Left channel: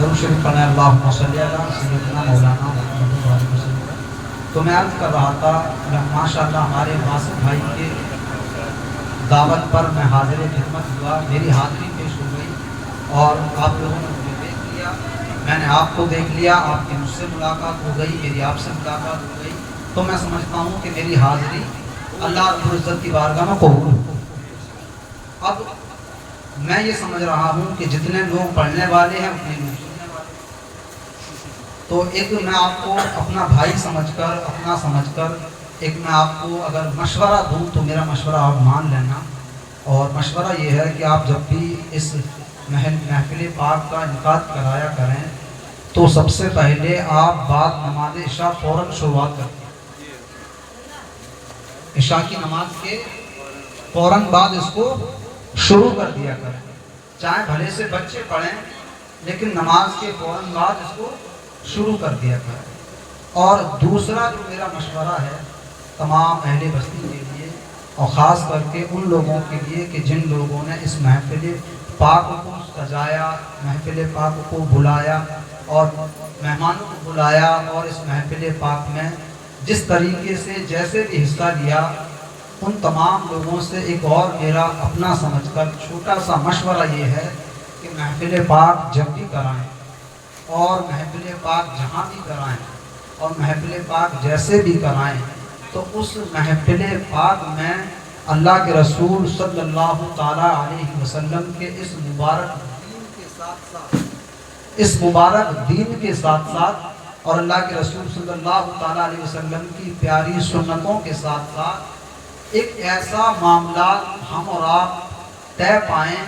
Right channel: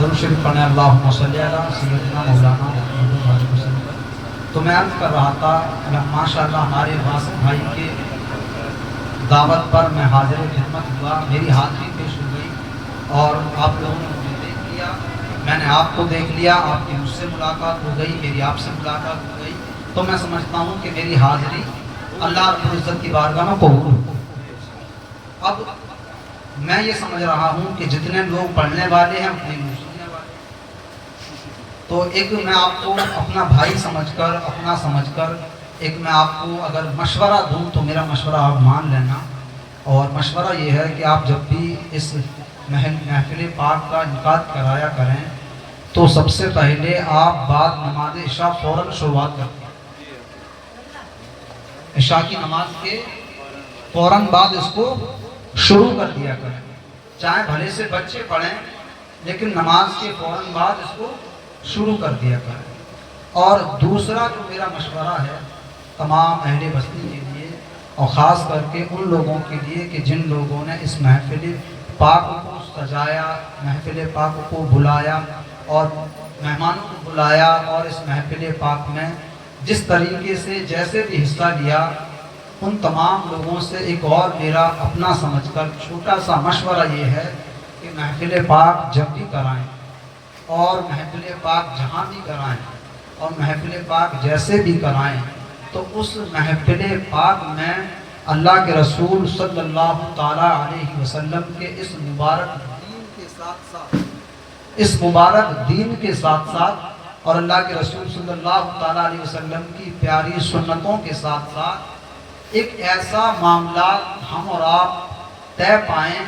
درود شریف پڑھیں اللہم صلی علی سیدنا مولانا محمد علیہ وسلم. تو میں عرض کر رہا تھا ماشاءاللہ ہمارے واسف بھائی کے دعوت پر میں حاضر خدمت ہوا. میری حاضری خوش ہو گئی اور آپ لوگوں نے مجھے دیکھ لیا, میں نے آپ کو دیکھ لیا, آپ کی مجھ سے ملاقات ہو گئی, میری آپ سے ملاقات ہو گئی. تو میں سمجھتا ہوں کہ میری حاضری اللہ رب العزت کی بارگاہ میں قبول ہو. اب میں یہ سمجھ رہا ہوں کہ جتنے لوگ پڑھنے والے ہیں اتنے لوگ سننے والے ہیں. تو ایک میں آپ کو اپنا بھائی سمجھ کر, اپنا سمجھ کر ایک میں آپ کو اگر مشورہ دوں تو میرا مشورہ آپ مان لینا. اور مشورہ یہ ہے کہ آپ جب بھی اس محفل پاک کا انعقاد کرایا کریں تو سب سے پہلے آپ بعد نماز عشاء فوراً شروعات کریں. عشاء کی نماز کے فوراً بعد اس کو شروع کر دیا کریں. چاہے بھلے سے بچے پڑھیں لیکن نماز کے فوراً بعد اس کو شروع کر دیا کریں. اور دوسرا جو میرا مشورہ ہے تمام اہل بستی کے لیے اور خاص کر کے ان لوگوں کے لیے کہ جن لوگوں نے اس محفل پاک کو سجایا, محفل پاک کو بلایا اور مہمانوں کو بلایا اور اس محفل پاک میں جس طریقے سے جیسے بھی حصہ لیا, ان تمام لوگوں سے ایک اور میرا اپنا سمجھ کر چھوٹا سا مشورہ یہ ہے کہ محفل پاک جب بھی کرائیں اور محفل پاک جہاں بھی کرائیں اور محفل پاک جیسے بھی کرائیں تو اس محفل پاک میں اللہ کے رسول صلی اللہ تعالیٰ علیہ وسلم کے اس مبارک دین کے ساتھ ساتھ, اس مبارک دین کے ساتھ ساتھ اور اللہ کے رسول صلی اللہ تعالیٰ علیہ وسلم کی پیاری سنتوں کے ساتھ ساتھ ایک ایسا معاملہ ہم اور آپ طے پائیں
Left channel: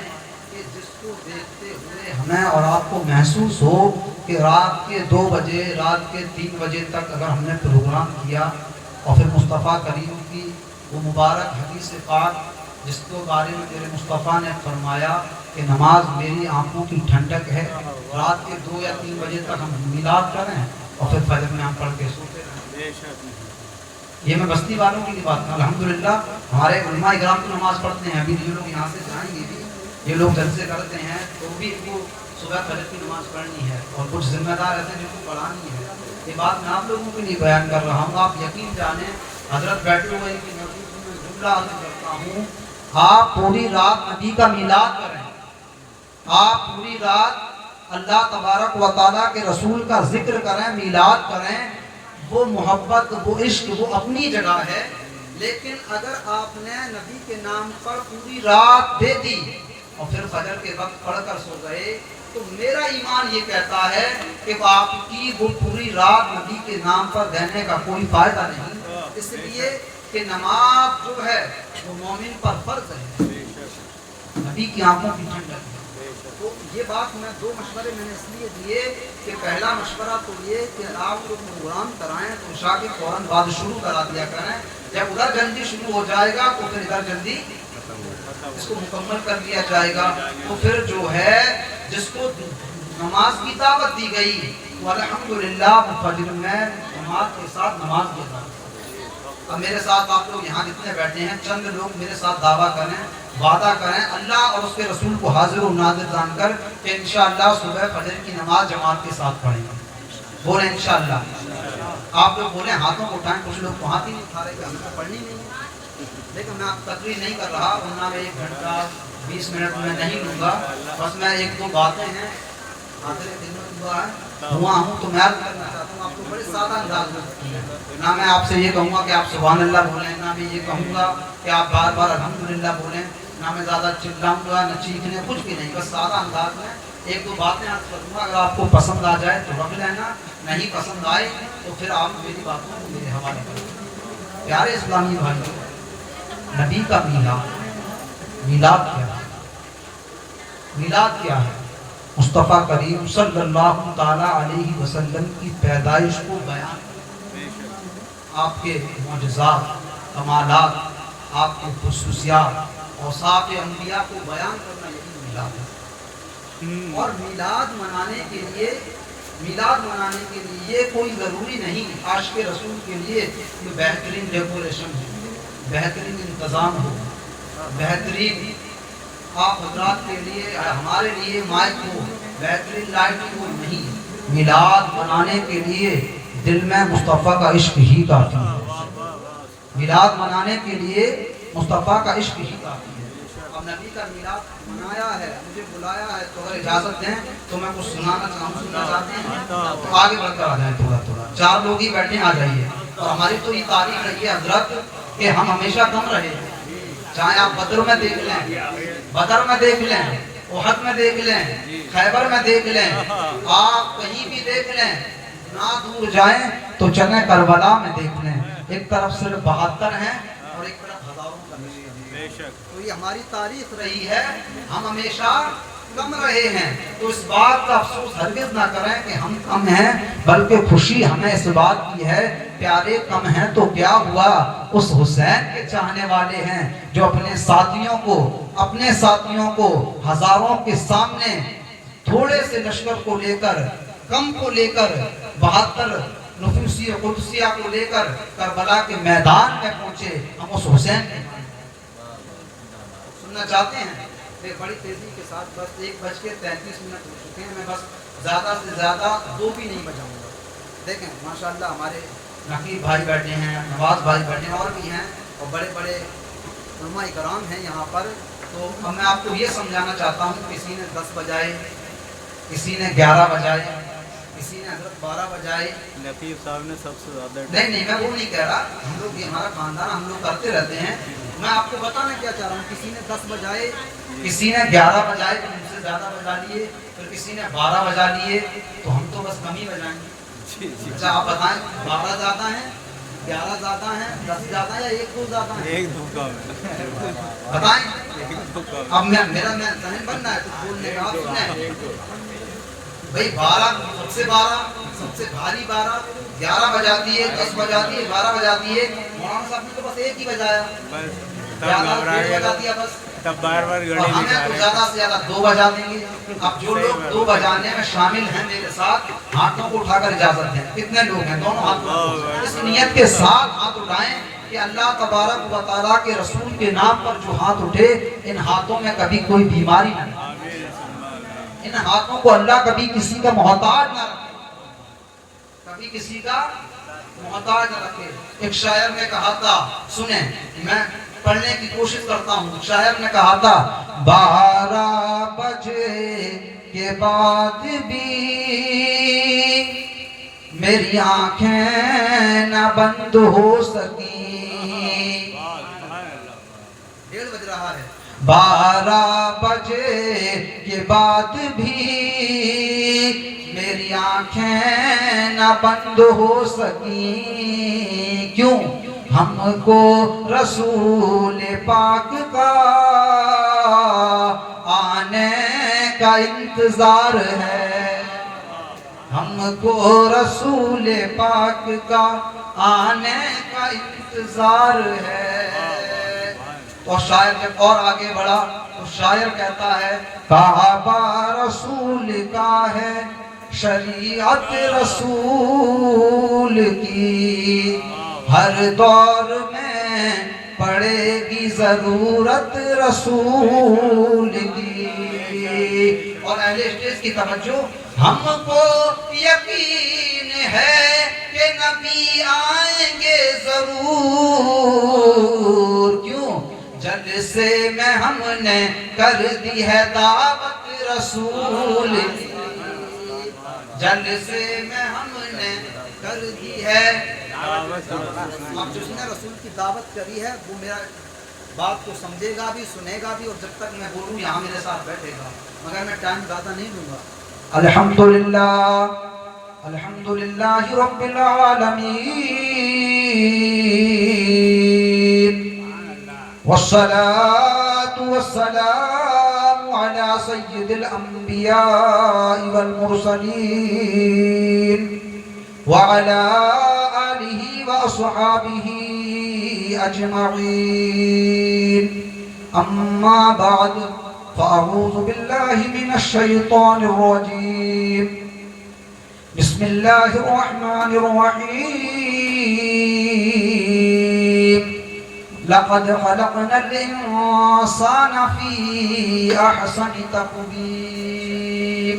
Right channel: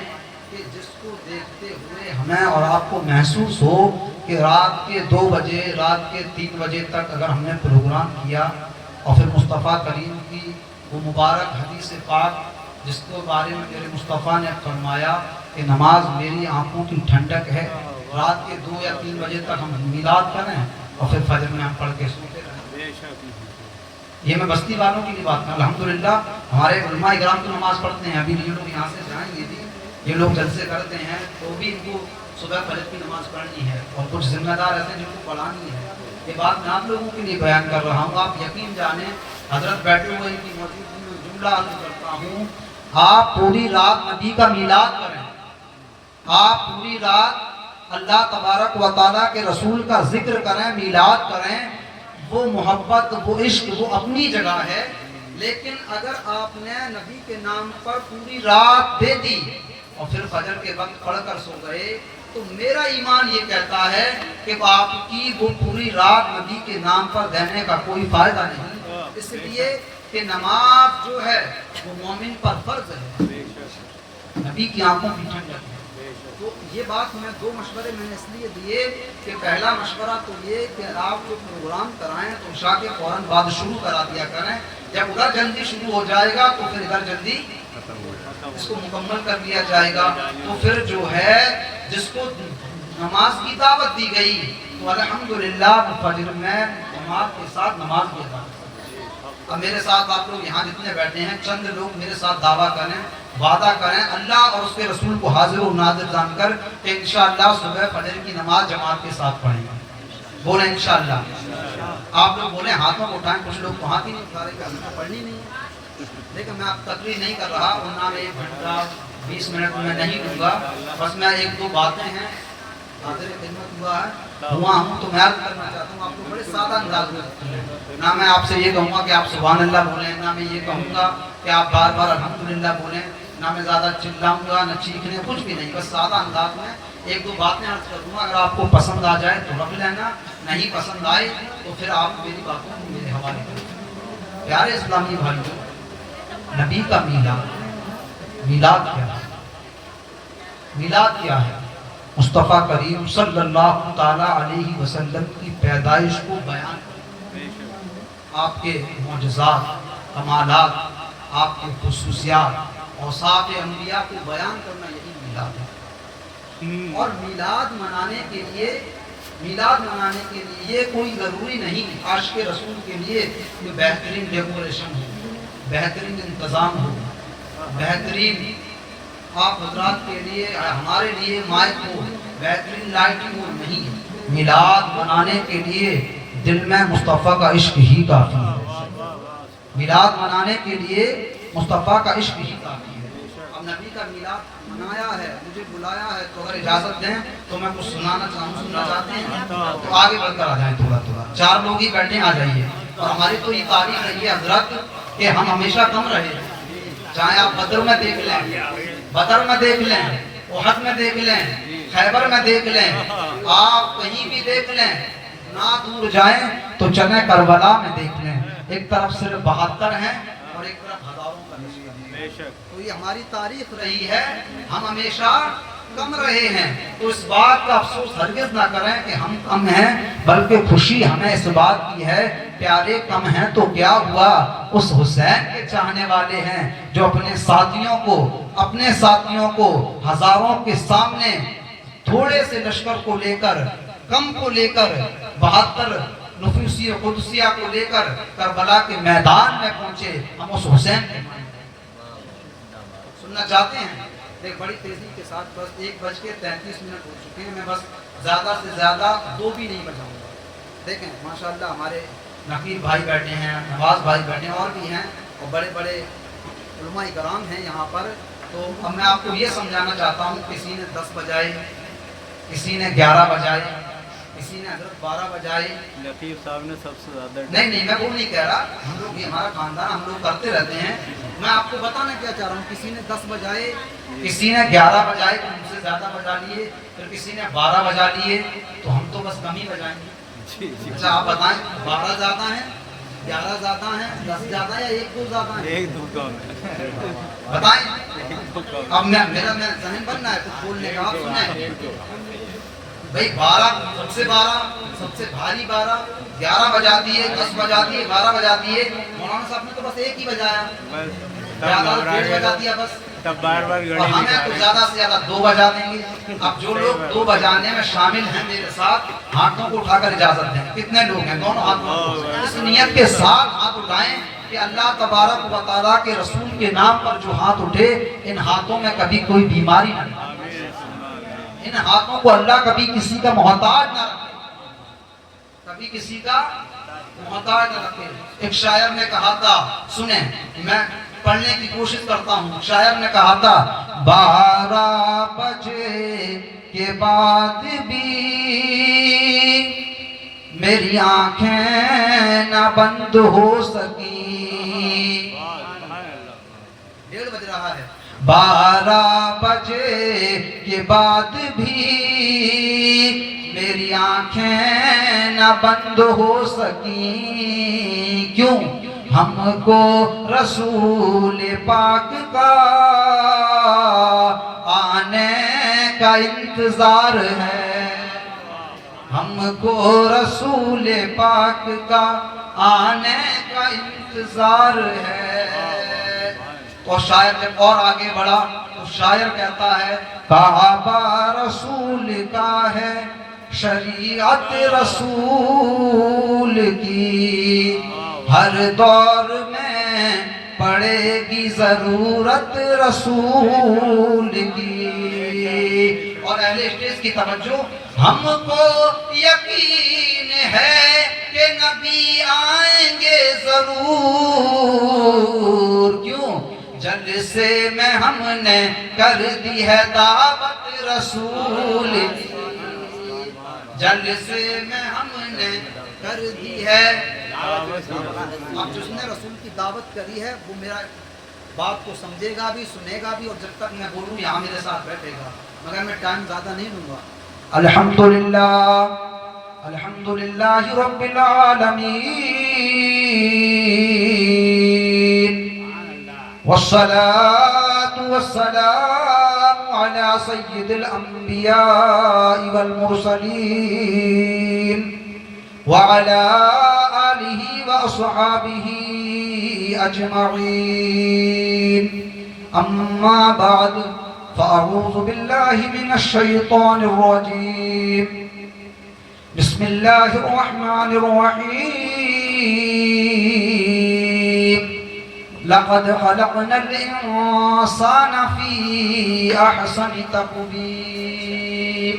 کہ جس کو دیکھتے ہوئے ہمیں اور آپ کو محسوس ہو کہ رات کے 2 بجے, رات کے 3 بجے تک اگر ہم نے پروگرام کیا اور پھر مصطفیٰ کریم کی وہ مبارک حدیث پاک جس کے بارے میں میرے مصطفیٰ نے فرمایا کہ نماز میری آنکھوں کی ٹھنڈک ہے, رات کے 2 یا 3 بجے تک ہم میلاد کریں اور پھر فجر میں ہم پڑھ کے سوتے رہیں. یہ میں بستی والوں کی بات کروں. الحمدللہ ہمارے علماء کرام تو نماز پڑھتے ہیں. ابھی یہ لوگ یہاں سے جائیں گے بھی, یہ لوگ جلسے کرتے ہیں تو بھی ان کو صبح فجر کی نماز پڑھنی ہے اور کچھ ذمہ دار رہتے ہیں جن کو پڑھانی ہے. یہ بات میں آپ لوگوں کے لیے بیان کر رہا ہوں. آپ یقین جانیں حضرت بیٹھے ہوئے کی موجودگی میں جملہ عرض کرتا ہوں, آپ پوری رات نبی کا میلاد کریں, آپ پوری رات اللہ تبارک و تعالیٰ کے رسول کا ذکر کریں, میلاد کریں. وہ محبت, وہ عشق, وہ اپنی جگہ ہے. لیکن اگر آپ نے نبی کے نام پر پوری رات دے دی اور پھر فجر کے وقت پڑھ کر سو گئے تو میرا ایمان یہ کہتا ہے کہ آپ کی وہ پوری رات نبی کے نام پر دینے کا کوئی فائدہ نہیں. اس لیے کہ نماز جو ہے وہ مومن پر فرض ہے, نبی کی آنکھوں کی ٹھنڈک ہے. تو یہ بات میں 2 مشورے میں نے اس لیے دیے کہ پہلا مشورہ تو یہ کہ آپ کو پروگرام کرائیں تو عشاء کے فوراً بعد شروع کرا دیا کریں. جب ادھر جلدی شروع ہو جائے گا تو پھر ادھر جلدی اس کو مکمل کر دیا جائے گا. تو پھر جو ہے جس کو نماز کی دعوت دی گئی تو الحمدللہ فجر میں جماعت کے ساتھ نماز پڑھا. اب میرے ساتھ آپ لوگ یہاں جتنے بیٹھے ہیں چند لوگ میرے ساتھ دعویٰ کریں, وعدہ کریں اللہ اور اس کے رسول کو حاضر و ناظر جان کر کہ انشاءاللہ صبح فجر کی نماز جماعت کے ساتھ پڑھیں. بولیں انشاءاللہ. آپ لوگ بولیں, ہاتھوں کو اٹھائیں. کچھ لوگ تو ہاتھ ہی نہیں اٹھا رہے کہ ہمیں تو پڑھنی نہیں ہے. لیکن میں آپ تقریر نہیں کر رہا, ورنہ میں 1 گھنٹہ 20 منٹ میں نہیں لوں گا. بس میں 1-2 باتیں ہیں حاضر خدمت ہوا ہوں تو میں عرض کرنا چاہتا ہوں. آپ کو بڑے سادہ انداز میں رکھتی ہیں. نہ میں آپ سے یہ کہوں گا کہ آپ سبحان اللہ بولیں, نہ میں یہ کہوں گا کہ آپ بار بار الحمدللہ بولیں, نہ میں زیادہ چلاؤں گا نہ چیخنے, کچھ بھی نہیں. بس سادہ انداز میں 1-2 باتیں عرض کر دوں گا. اگر آپ کو پسند آ جائے تو رکھ لینا, نہیں پسند آئے تو پھر آپ میری باتوں کو میرے حوالے کریں. پیارے اسلامی بھائیوں, نبی کا میلاد کیا ہے؟ میلاد کیا ہے؟ مصطفیٰ کریم صلی اللہ تعالیٰ علیہ وسلم کی پیدائش کو بیان کرنا, آپ کے معجزات, کمالات, آپ کے خصوصیات, اوصاف انبیاء کو بیان کرنا, یہی میلاد ہے. اور میلاد منانے کے لیے کوئی ضروری نہیں عاشق رسول کے لیے کوئی بہترین ڈیکوریشن ہو, بہترین انتظام ہو, بہترین آپ حضرات کے لیے, ہمارے لیے مائک ہو, بیٹری لائٹ وہ نہیں ہے. میلاد منانے کے لیے دل میں مصطفیٰ کا عشق ہی کافی ہے. میلاد منانے کے لیے مصطفیٰ کا عشق ہی کافی ہے. اب نبی کا میلاد منایا ہے, مجھے بلایا ہے, تو اگر اجازت دیں تو میں کچھ سنانا سننا چاہتے ہیں تو آگے بڑھ کر آ جائیں. تھوڑا تھوڑا 4 لوگ ہی بیٹھے آ جائیے. اور ہماری تو یہ تعریف ہے حضرت کہ ہم ہمیشہ کم رہے, چاہے آپ بدر میں دیکھ لیں, احد میں دیکھ لیں, خیبر میں دیکھ لیں, آپ کہیں بھی دیکھ لیں, نہ دور جائیں تو چلیں کربلا میں دیکھ لیں. ایک طرف صرف 72 ہیں اور ایک طرف ہزاروں کا لشکر ہے. تو یہ ہماری تاریخ رہی ہے, ہم ہمیشہ کم رہے ہیں. تو اس بات کا افسوس ہرگز نہ کریں کہ ہم کم ہیں, بلکہ خوشی ہمیں اس بات کی ہے پیارے کم ہیں تو کیا ہوا, اس حسین کے چاہنے والے ہیں جو اپنے ساتھیوں کو ہزاروں کے سامنے تھوڑے سے لشکر کو لے کر, کم کو لے کر, 72 نفوسی و قدسیہ کو لے کر کربلا کے میدان میں پہنچے. ہم اس حسین کے سننا چاہتے ہیں. بڑی تیزی کے ساتھ بس 1:33 ہو چکے ہیں. میں بس زیادہ سے زیادہ 2 بھی نہیں بجاؤں گا. دیکھیں ماشاءاللہ ہمارے نقیب بھائی بیٹھے ہیں, نواز بھائی بیٹھے ہیں, اور بھی ہیں, اور بڑے بڑے علماء کرام ہیں یہاں پر. تو اب میں آپ کو یہ سمجھانا چاہتا ہوں, کسی نے 10 بجائے, کسی نے 11 بجائے, کسی نے حضرت 12 بجائے. لطیف صاحب نے سب سے زیادہ نہیں میں وہ نہیں کہہ رہا, ہم لوگ یہ ہمارا خاندان, ہم لوگ کرتے رہتے ہیں. میں آپ کو بتانا کیا چاہ رہا ہوں, کسی نے 10 بجائے, کسی نے 11 بجائے, ان سے زیادہ بجا لیے, پھر کسی نے 12 بجا لیے, تو ہم تو بس کم ہی بجائیں گے. اچھا آپ بتائیں 12 زیادہ ہیں, 11 زیادہ ہیں, 10 زیادہ ہے, 1-2 زیادہ ہیں؟ 1-2 کم ہے. بتائیں. اب میرا ذہن بننا ہے کچھ بولنے کا, آپ سنیں بھائی. 12 سب سے بھاری 12, 11 بجا دیے, 10 بجا دیے, 12 بجا دیے. مولانا صاحب نے تو بس 1 ہی بجایا, تب بار بار گھڑی دکھا رہے ہیں. زیادہ سے زیادہ 2 بجا دیں گے. اب جو لوگ 2 بجانے میں شامل ہیں میرے ساتھ, ہاتھوں کو اٹھا کر اجازت دیں. کتنے لوگ ہیں؟ دونوں ہاتھوں اس نیت کے ساتھ ہاتھ اٹھائیں کہ اللہ تبارک و تعالیٰ کے رسول کے نام پر جو ہاتھ اٹھے, ان ہاتھوں میں کبھی کوئی بیماری نہ رکھے, ان ہاتھوں کو اللہ کبھی کسی کا محتاج نہ رکھے, کبھی کسی کا محتاج نہ رکھے. ایک شاعر نے کہا تھا, سنیں میں پڑھنے کی کوشش کرتا ہوں. شاعر نے کہا تھا 12 بجے کے بعد بھی میری آنکھیں نہ بند ہو سکی. 1:30 بج رہا ہے. 12 بجے کے بعد بھی میری آنکھیں نہ بند ہو سکی. کیوں؟ ہم کو رسول پاک کا آنے کا انتظار ہے, ہم کو رسول پاک کا آنے کا انتظار ہے. اور شاعر جب اور آگے بڑھا تو شاعر کہتا ہے کعبہ رسول کا ہے, شریعت رسول کی, ہر دور میں پڑے گی ضرورت رسول کی. اور اہل اسٹیج کی توجہ, ہم کو یقین ہے کہ نبی آئیں گے ضرور. کیوں؟ جلسے میں ہم نے کر دی ہے دعوت رسول کی, جلسے میں ہم نے کر دی ہے دعوت. اب جس نے رسول کی دعوت کری ہے وہ میرا بات کو سمجھے گا بھی, سنے گا بھی, اور جب تک میں بولوں یہاں میرے ساتھ بیٹھے گا, مگر میں ٹائم زیادہ نہیں لوں گا. الحمدللہ الحمدللہ رب العالمین, والصلاة والسلام على سيد الأنبياء والمرسلين وعلى آله وأصحابه أجمعين. أما بعد, فأعوذ بالله من الشيطان الرجيم. بسم الله الرحمن الرحيم. لقد خلقنا الإنسان في أحسن تقويم.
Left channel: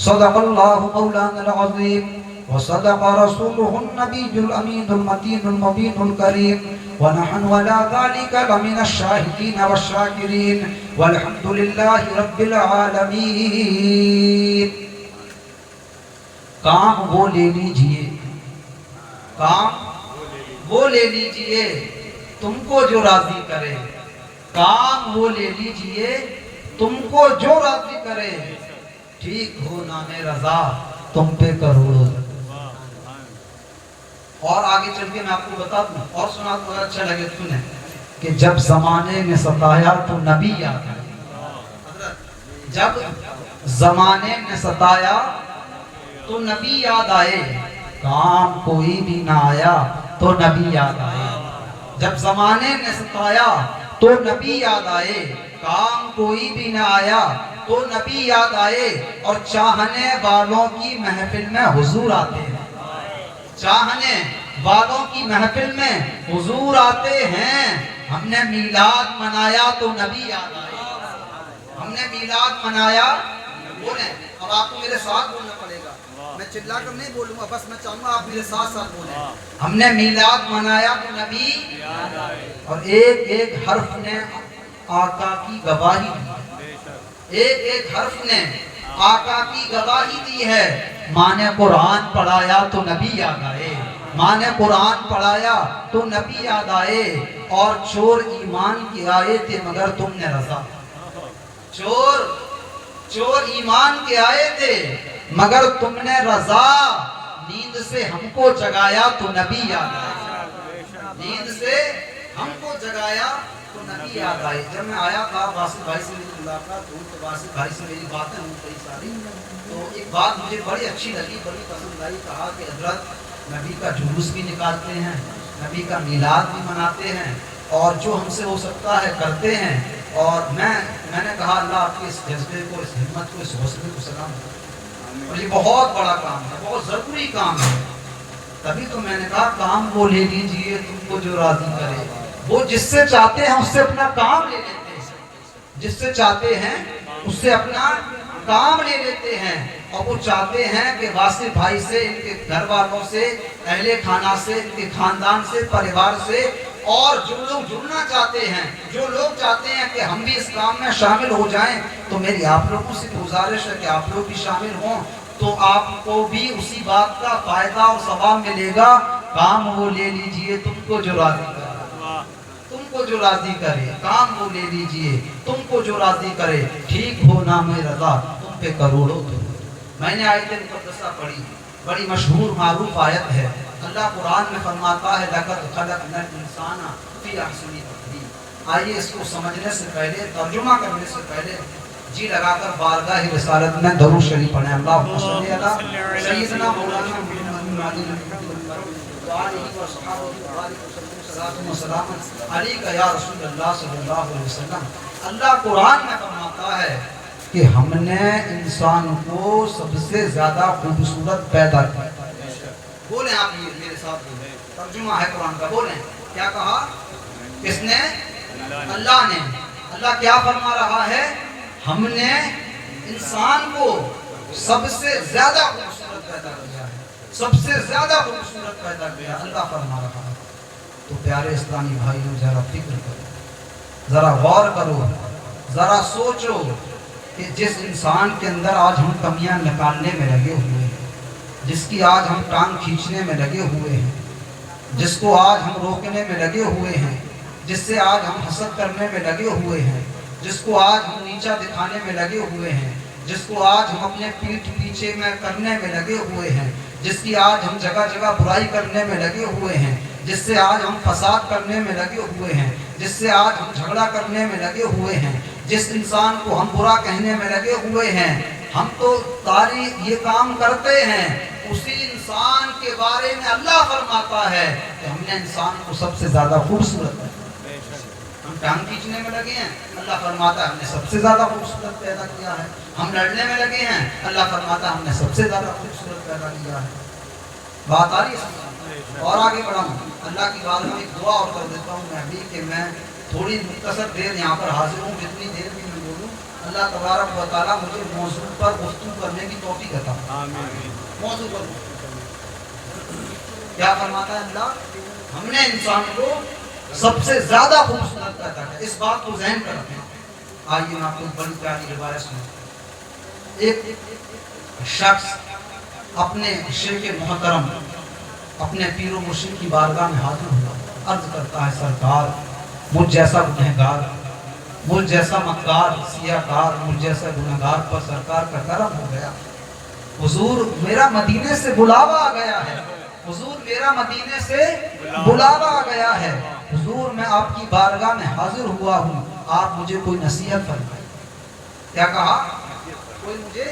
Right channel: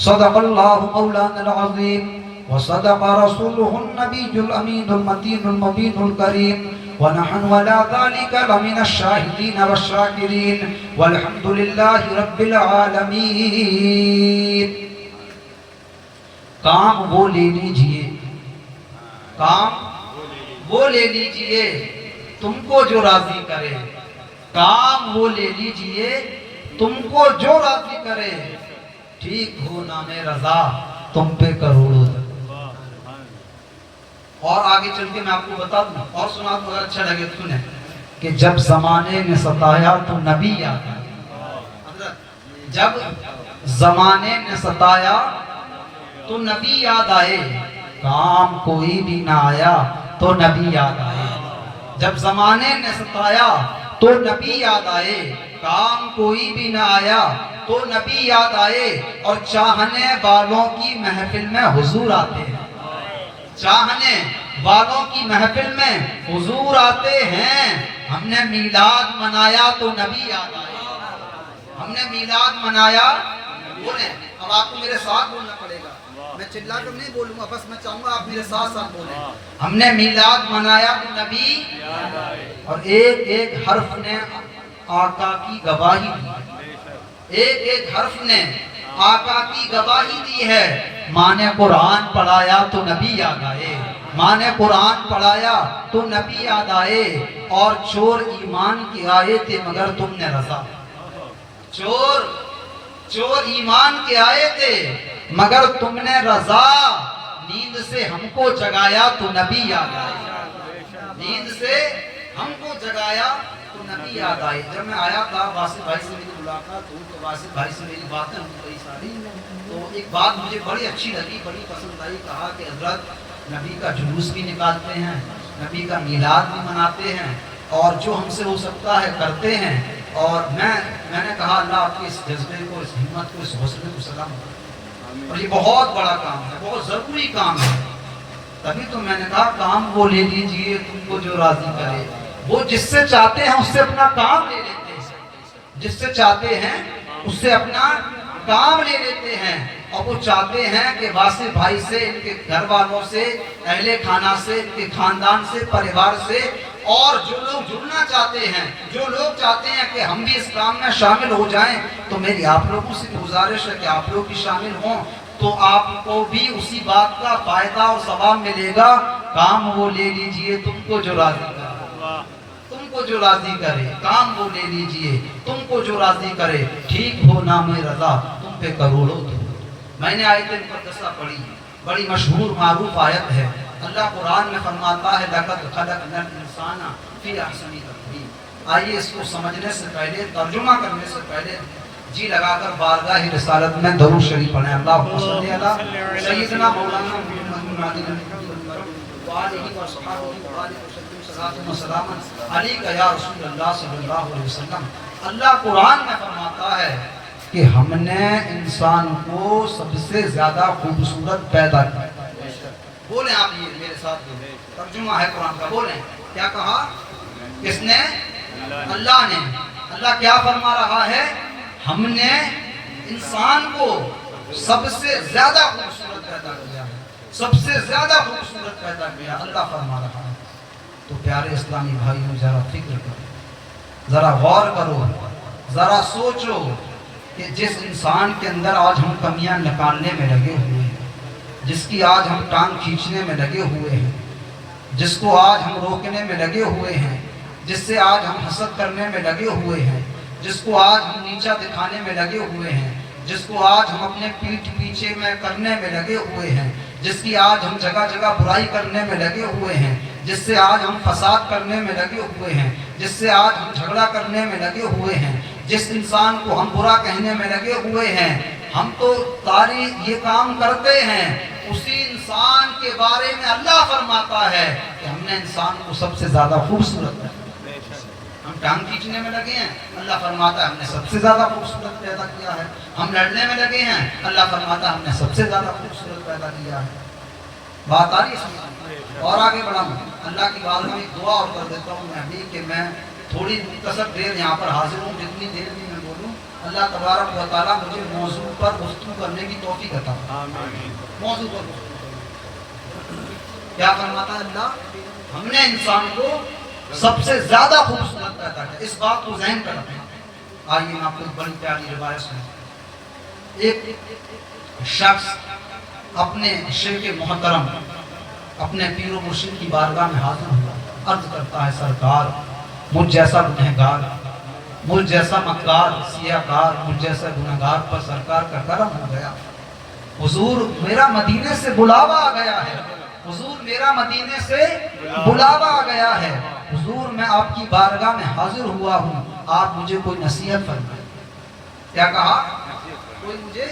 صدق اللہ مولانا العظیم وصدق رسوله النبی الامین المتین المبین الکریم ونحن ولا ذلك لمن الشاہدین والشاکرین والحمد للہ رب العالمین۔ کام وہ لے لیجئے، کام وہ لے لیجئے تم کو جو راضی کرے، کام وہ لے لیجئے تم کو جو راضی کرے، ٹھیک ہو نام رضا تم پہ کروڑوں۔ اور آگے چل کے میں آپ کو بتا دوں اور سنا تو اچھا لگے سنیں کہ جب زمانے نے ستایا تو نبی یاد آئے۔ حضرت جب زمانے نے ستایا تو نبی یاد آئے، کام کوئی بھی نہ آیا تو نبی یاد آئے۔ جب زمانے نے ستایا تو نبی یاد آئے، کام کوئی بھی نہ آیا تو نبی یاد آئے۔ اور چاہنے والوں کی محفل میں حضور آتے ہیں، چاہنے والوں کی محفل میں حضور آتے ہیں۔ ہم نے میلاد منایا تو نبی یاد آئے، ہم نے میلاد منایا۔ بولیں، اب آپ کو میرے ساتھ بولنا پڑے گا، میں چلا کر نہیں بولوں گا، بس میں چاہوں گا آپ میرے ساتھ ساتھ بولیں۔ ہم نے میلاد منایا تو نبی یاد آئے، اور ایک ایک حرف نے آقا کی گواہی دی، ایک ایک حرف نے آقا کی گواہی دی ہے۔ ماں نے قرآن پڑھایا تو نبی یاد آئے، ماں نے قرآن پڑھایا تو نبی یاد آئے۔ اور چور ایمان کی آئے تھے مگر تم نے رضا، چور ایمان کے آئے تھے مگر تم نے رضا۔ نیند سے ہم کو جگایا تو نبی یاد آئے، نیند سے ہم کو جگایا تو نبی یاد آئے۔ جب میں آیا تھا واسف بھائی سے میری ملاقات ہوئی تو واسف بھائی سے میری باتیں ہوئی کئی ساری، تو ایک بات مجھے بڑی اچھی لگی، بڑی پسند آئی۔ کہا کہ حضرت نبی کا جلوس بھی نکالتے ہیں، نبی کا میلاد بھی مناتے ہیں، اور جو ہم سے ہو سکتا ہے کرتے ہیں۔ اور میں نے کہا اللہ آپ کے اس جذبے کو، اس ہمت کو، اس حوصلے کو سلام کرتا ہوں، اور یہ بہت بڑا کام ہے، بہت ضروری کام ہے۔ تبھی تو میں نے کہا کام وہ لے لیجئے تم کو جو راضی کرے۔ وہ جس سے چاہتے ہیں اس سے اپنا کام لے لیتے ہیں، جس سے چاہتے ہیں اس سے اپنا کام لے لیتے ہیں۔ اور وہ چاہتے ہیں کہ واسف بھائی سے، ان کے گھر والوں سے، اہل خانہ سے، ان کے خاندان سے، پریوار سے، اور جو لوگ جڑنا چاہتے ہیں، جو لوگ چاہتے ہیں کہ ہم بھی اس کام میں شامل ہو جائیں، تو میری آپ لوگوں سے گزارش ہے کہ آپ لوگ بھی شامل ہوں، تو آپ کو بھی اسی بات کا فائدہ اور ثواب ملے گا۔ کام وہ لے لیجئے تم کو جو راضی کرے، تم کو جو راضی کرے، کام وہ لے لیجئے تم کو جو راضی کرے، ٹھیک ہو نام رضا تم پہ کروڑوں دو۔ میں نے آیت مقدسہ پڑھی، بڑی مشہور معروف آیت ہے۔ اللہ قرآن میں فرماتا ہے لَقَدْ خَلَقْنَا الْإِنسَانَ فِي أَحْسَنِ تَقْوِيمٍ۔ آئیے اس کو سمجھنے سے پہلے، ترجمہ کرنے سے پہلے جی لگا کر بارگاہ رسالت میں درود شریف پڑھیں۔ اللہم صلی علی سیدنا مولانا وآلہ وصحبہ وبارک وسلم صلاۃ و سلام علیک یا رسول اللہ صلی اللہ علیہ وسلم۔ اللہ قرآن میں فرماتا ہے کہ ہم نے انسان کو سب سے زیادہ خوبصورت پیدا کیا۔ بولیں آپ یہ میرے ساتھ بولیں، ترجمہ ہے قرآن کا، بولیں کیا کہا؟ کس نے؟ اللہ نے۔ اللہ کیا فرما رہا ہے؟ ہم نے انسان کو سب سے زیادہ خوبصورت پیدا کیا ہے، سب سے زیادہ خوبصورت پیدا کیا، اللہ فرما رہا ہے۔ تو پیارے اسلامی بھائیوں ذرا فکر کرو، ذرا غور کرو، ذرا سوچو کہ جس انسان کے اندر آج ہم کمیاں نکالنے میں لگے ہوئے ہیں، جس کی آج ہم ٹانگ کھینچنے میں لگے ہوئے ہیں، جس کو آج ہم روکنے میں لگے ہوئے ہیں، جس سے آج ہم حسد کرنے میں لگے ہوئے ہیں، جس کو آج ہم نیچا دکھانے میں لگے ہوئے ہیں، جس کو آج ہم اپنے پیٹھ پیچھے میں کرنے میں لگے ہوئے ہیں، جس کی آج ہم جگہ جگہ برائی کرنے میں لگے ہوئے ہیں، جس سے آج ہم فساد کرنے میں لگے ہوئے ہیں، جس سے آج ہم جھگڑا کرنے میں لگے ہوئے ہیں، جس انسان کو ہم برا کہنے میں لگے ہوئے ہیں، ہم تو ساری یہ کام کرتے ہیں، اسی انسان کے بارے میں اللہ فرماتا ہے کہ ہم نے انسان کو سب سے زیادہ خوبصورت ہے۔ ہم ٹانگ کھینچنے میں لگے ہیں، اللہ فرماتا ہے ہم نے سب سے زیادہ خوبصورت پیدا کیا ہے۔ ہم لڑنے میں لگے ہیں، اللہ فرماتا ہے ہم نے سب سے زیادہ خوبصورت پیدا کیا ہے۔ بات آ رہی ہے سمجھ؟ اور آگے بڑھاؤں، اللہ کی بارگاہ میں دعا اور کر دیتا ہوں میں ابھی کہ میں تھوڑی مختصر دیر یہاں پر حاضر ہوں، جتنی دیر بھی میں بولوں اللہ تبارک و تعالیٰ مجھے موضوع پر گفتگو کرنے کی توفیق عطا فرمائے۔ آمین موضوع پر گفتگو کرنے۔ کیا فرماتا ہے اللہ؟ ہم نے انسان کو سب سے زیادہ خوبصورت پیدا کیا، اس بات کو ذہن پر رکھیں۔ آئیے میں آپ کو ایک بڑی پیاری روایت سناتا ہوں۔ ایک شخص اپنے شیخ محترم اپنے پیر و مرشد کی بارگاہ میں حاضر ہوا، عرض کرتا ہے سرکار مجھ جیسا گنہگار، مجھ جیسا مکار سیاہ کار، مجھ جیسا گنہگار پر سرکار کا کرم ہو گیا۔ حضور میرا مدینے سے بلاوا آ گیا ہے، حضور میرا مدینے سے بلاوا آ گیا ہے، حضور میں آپ کی بارگاہ میں حاضر ہوا ہوں، آپ مجھے کوئی نصیحت فرمائیے۔ کیا کہا؟ کوئی مجھے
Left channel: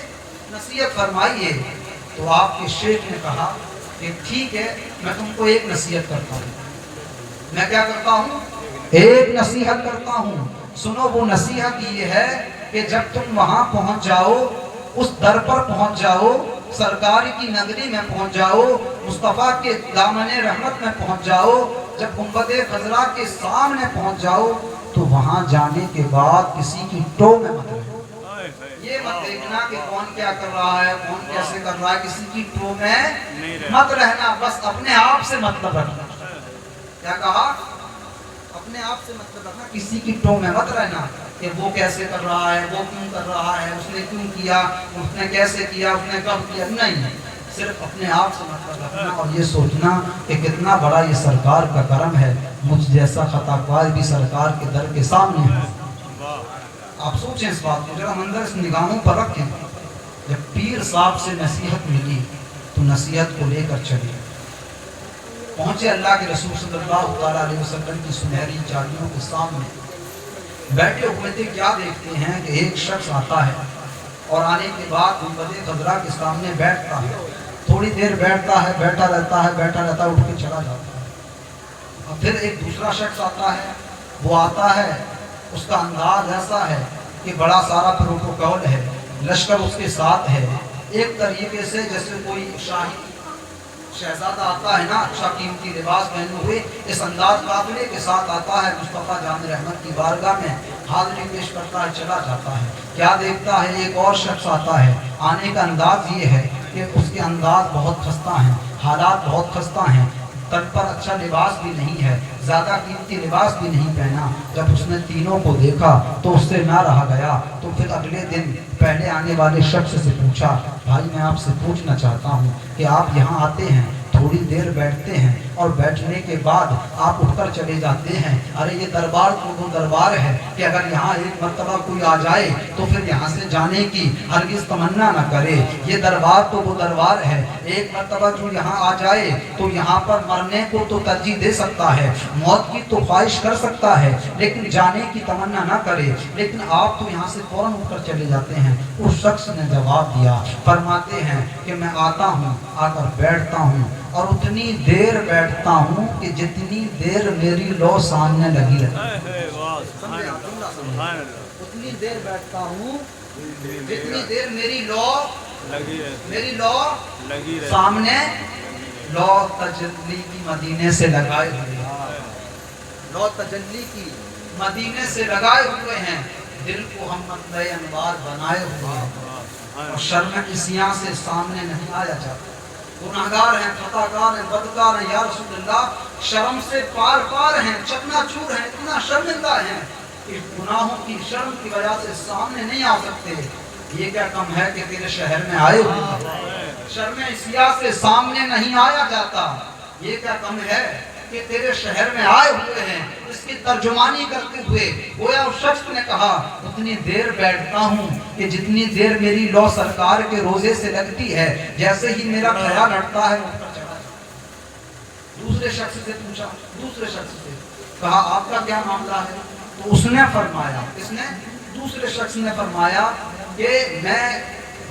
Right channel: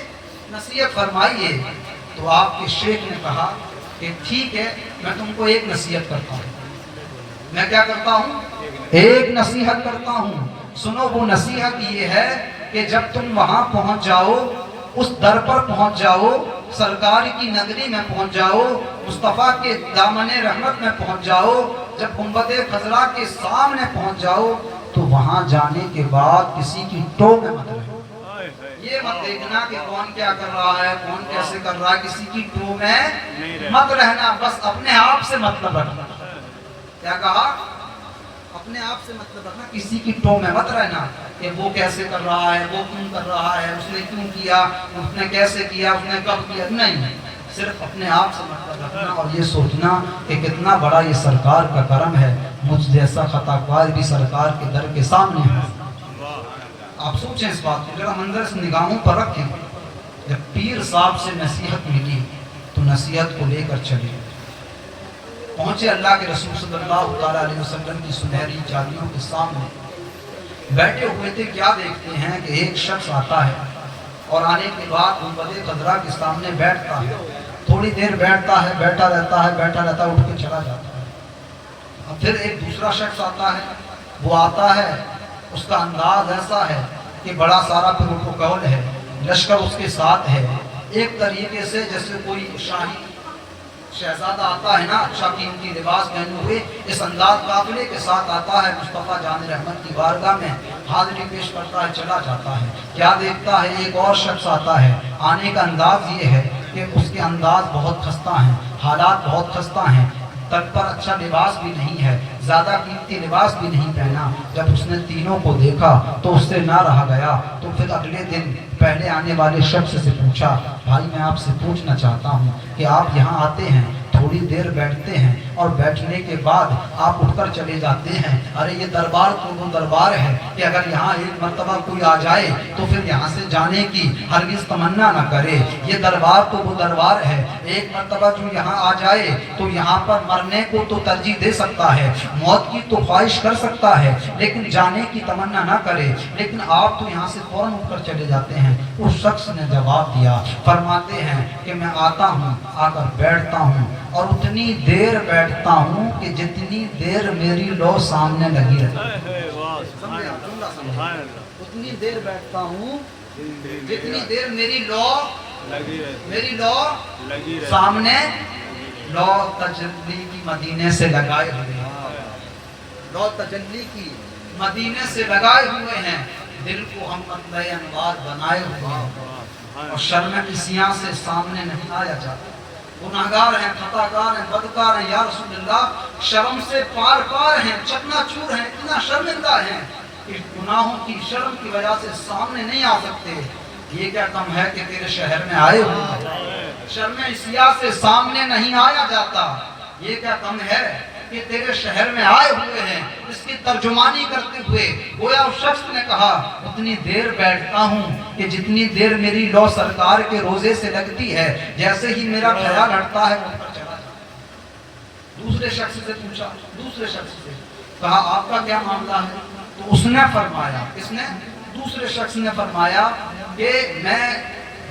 نصیحت فرمائیے۔ تو آپ کے شیخ نے کہا کہ ٹھیک ہے میں تم کو ایک نصیحت کرتا ہوں۔ میں کیا کرتا ہوں؟ ایک نصیحت کرتا ہوں۔ سنو وہ نصیحت یہ ہے کہ جب تم وہاں پہنچ جاؤ، اس در پر پہنچ جاؤ، سرکار کی نگری میں پہنچ جاؤ، مصطفیٰ کے دامن رحمت میں پہنچ جاؤ، جب گنبد خضرا کے سامنے پہنچ جاؤ تو وہاں جانے کے بعد کسی کی ٹو میں مت رہو۔ یہ مت دیکھنا کہ کون کیا کر رہا ہے، کون کیسے کر رہا ہے، کسی کی ٹو میں مت رہنا، بس اپنے آپ سے مطلب رکھنا۔ کیا کہا؟ اپنے آپ سے مطلب رکھنا، کسی کی ٹو میں مت رہنا کہ وہ کیسے کر رہا ہے، وہ کیوں کر رہا ہے، اس نے کیوں کیا، اس نے کیسے کیا، اس نے کب کیا، نہیں، صرف اپنے آپ سے مطلب رکھنا اور یہ سوچنا کہ کتنا بڑا یہ سرکار کا کرم ہے، مجھ جیسا خطا کار بھی سرکار کے در کے سامنے ہے۔ آپ سوچیں اس بات کو، ذرا منظر اس نگاہوں پر رکھیں۔ جب پیر صاحب سے نصیحت ملی تو نصیحت کو لے کر چلے، پہنچے اللہ کے رسول صلی اللہ علیہ وسلم کی سنہری چادروں کے سامنے بیٹھے ہوئے تھے۔ کیا دیکھتے ہیں کہ ایک شخص آتا ہے اور آنے کے بعد گنبد خضرا کے سامنے بیٹھتا ہے، تھوڑی دیر بیٹھتا ہے، بیٹھا رہتا ہے، اٹھ کے چلا جاتا ہے۔ اب پھر ایک دوسرا شخص آتا ہے، وہ آتا ہے، اس کا انداز ایسا ہے کہ بڑا سارا پروٹوکول ہے، لشکر اس کے ساتھ ہے، ایک طریقے سے جیسے کوئی شاہی شہزادہ آتا ہے نا، اچھا قیمتی لباس پہنے ہوئے، اس انداز قافلے کے ساتھ آتا ہے، مصطفیٰ جان رحمت کی بارگاہ میں حاضری پیش کرتا ہے، چلا جاتا ہے۔ کیا دیکھتا ہے؟ ایک اور شخص آتا ہے، آنے کا انداز یہ ہے کہ اس کے انداز بہت خستہ ہیں، حالات بہت خستہ ہیں، تن پر اچھا لباس بھی نہیں ہے، زیادہ قیمتی لباس بھی نہیں پہنا۔ جب اس نے تینوں کو دیکھا تو اس سے نہ رہا گیا، تو پھر اگلے دن پہلے آنے والے شخص سے پوچھا، بھائی میں آپ سے پوچھنا چاہتا ہوں کہ آپ یہاں آتے ہیں، تھوڑی دیر بیٹھتے ہیں اور بیٹھنے کے بعد آپ اٹھ کر چلے جاتے ہیں، ارے یہ دربار تو وہ دربار ہے کہ اگر یہاں ایک مرتبہ کوئی آ جائے تو پھر یہاں سے جانے کی ہرگز تمنا نہ کرے، یہ دربار تو وہ دربار ہے، ایک مرتبہ جو یہاں آ جائے تو یہاں پر مرنے کو تو ترجیح دے سکتا ہے، موت کی تو خواہش کر سکتا ہے، لیکن جانے کی تمنا نہ کرے، لیکن آپ تو یہاں سے فوراً اٹھ کر چلے جاتے ہیں۔ اس شخص نے جواب دیا، فرماتے ہیں کہ میں آتا ہوں، آ کر بیٹھتا ہوں اور اتنی دیر بیٹھتا ہوں کہ جتنی دیر میری لو سامنے لگی رہتی، اتنی دیر بیٹھتا ہوں جتنی دیر میری لو سامنے، لو تجلی کی مدینے سے لگائے ہوئے ہیں، لو تجلی کی مدینے سے لگائے ہوئے ہیں، دل کو ہم مطلع انوار بنائے ہوئے ہیں، اور شرم کسیاں سے سامنے نہیں آیا جاتا، گناہگار ہیں، خطاکار ہیں، بدکار ہیں، یا رسول اللہ شرم سے پار پار ہیں، چکنا چور ہیں، اتنا شرمندہ ہیں کہ گناہوں کی شرم کی وجہ سے سامنے نہیں آ سکتے۔ یہ کیا کم ہے کہ تیرے شہر میں آئے ہوئے ہیں، شرم سیاہ سے سامنے نہیں آیا جاتا، یہ کیا کم ہے کہ تیرے شہر میں آئے ہوئے ہیں۔ اس کی ترجمانی کرتے ہوئے گویا اس شخص نے کہا، اتنی دیر بیٹھتا ہوں کہ جتنی دیر میری لو سرکار کے روزے سے لگتی ہے، جیسے ہی میرا خیال ہٹتا ہے وہ چلا جاتا ہے۔ دوسرے شخص سے پوچھا، دوسرے شخص سے کہا آپ کا کیا معاملہ ہے؟ تو اس نے فرمایا، اس نے دوسرے شخص نے فرمایا کہ میں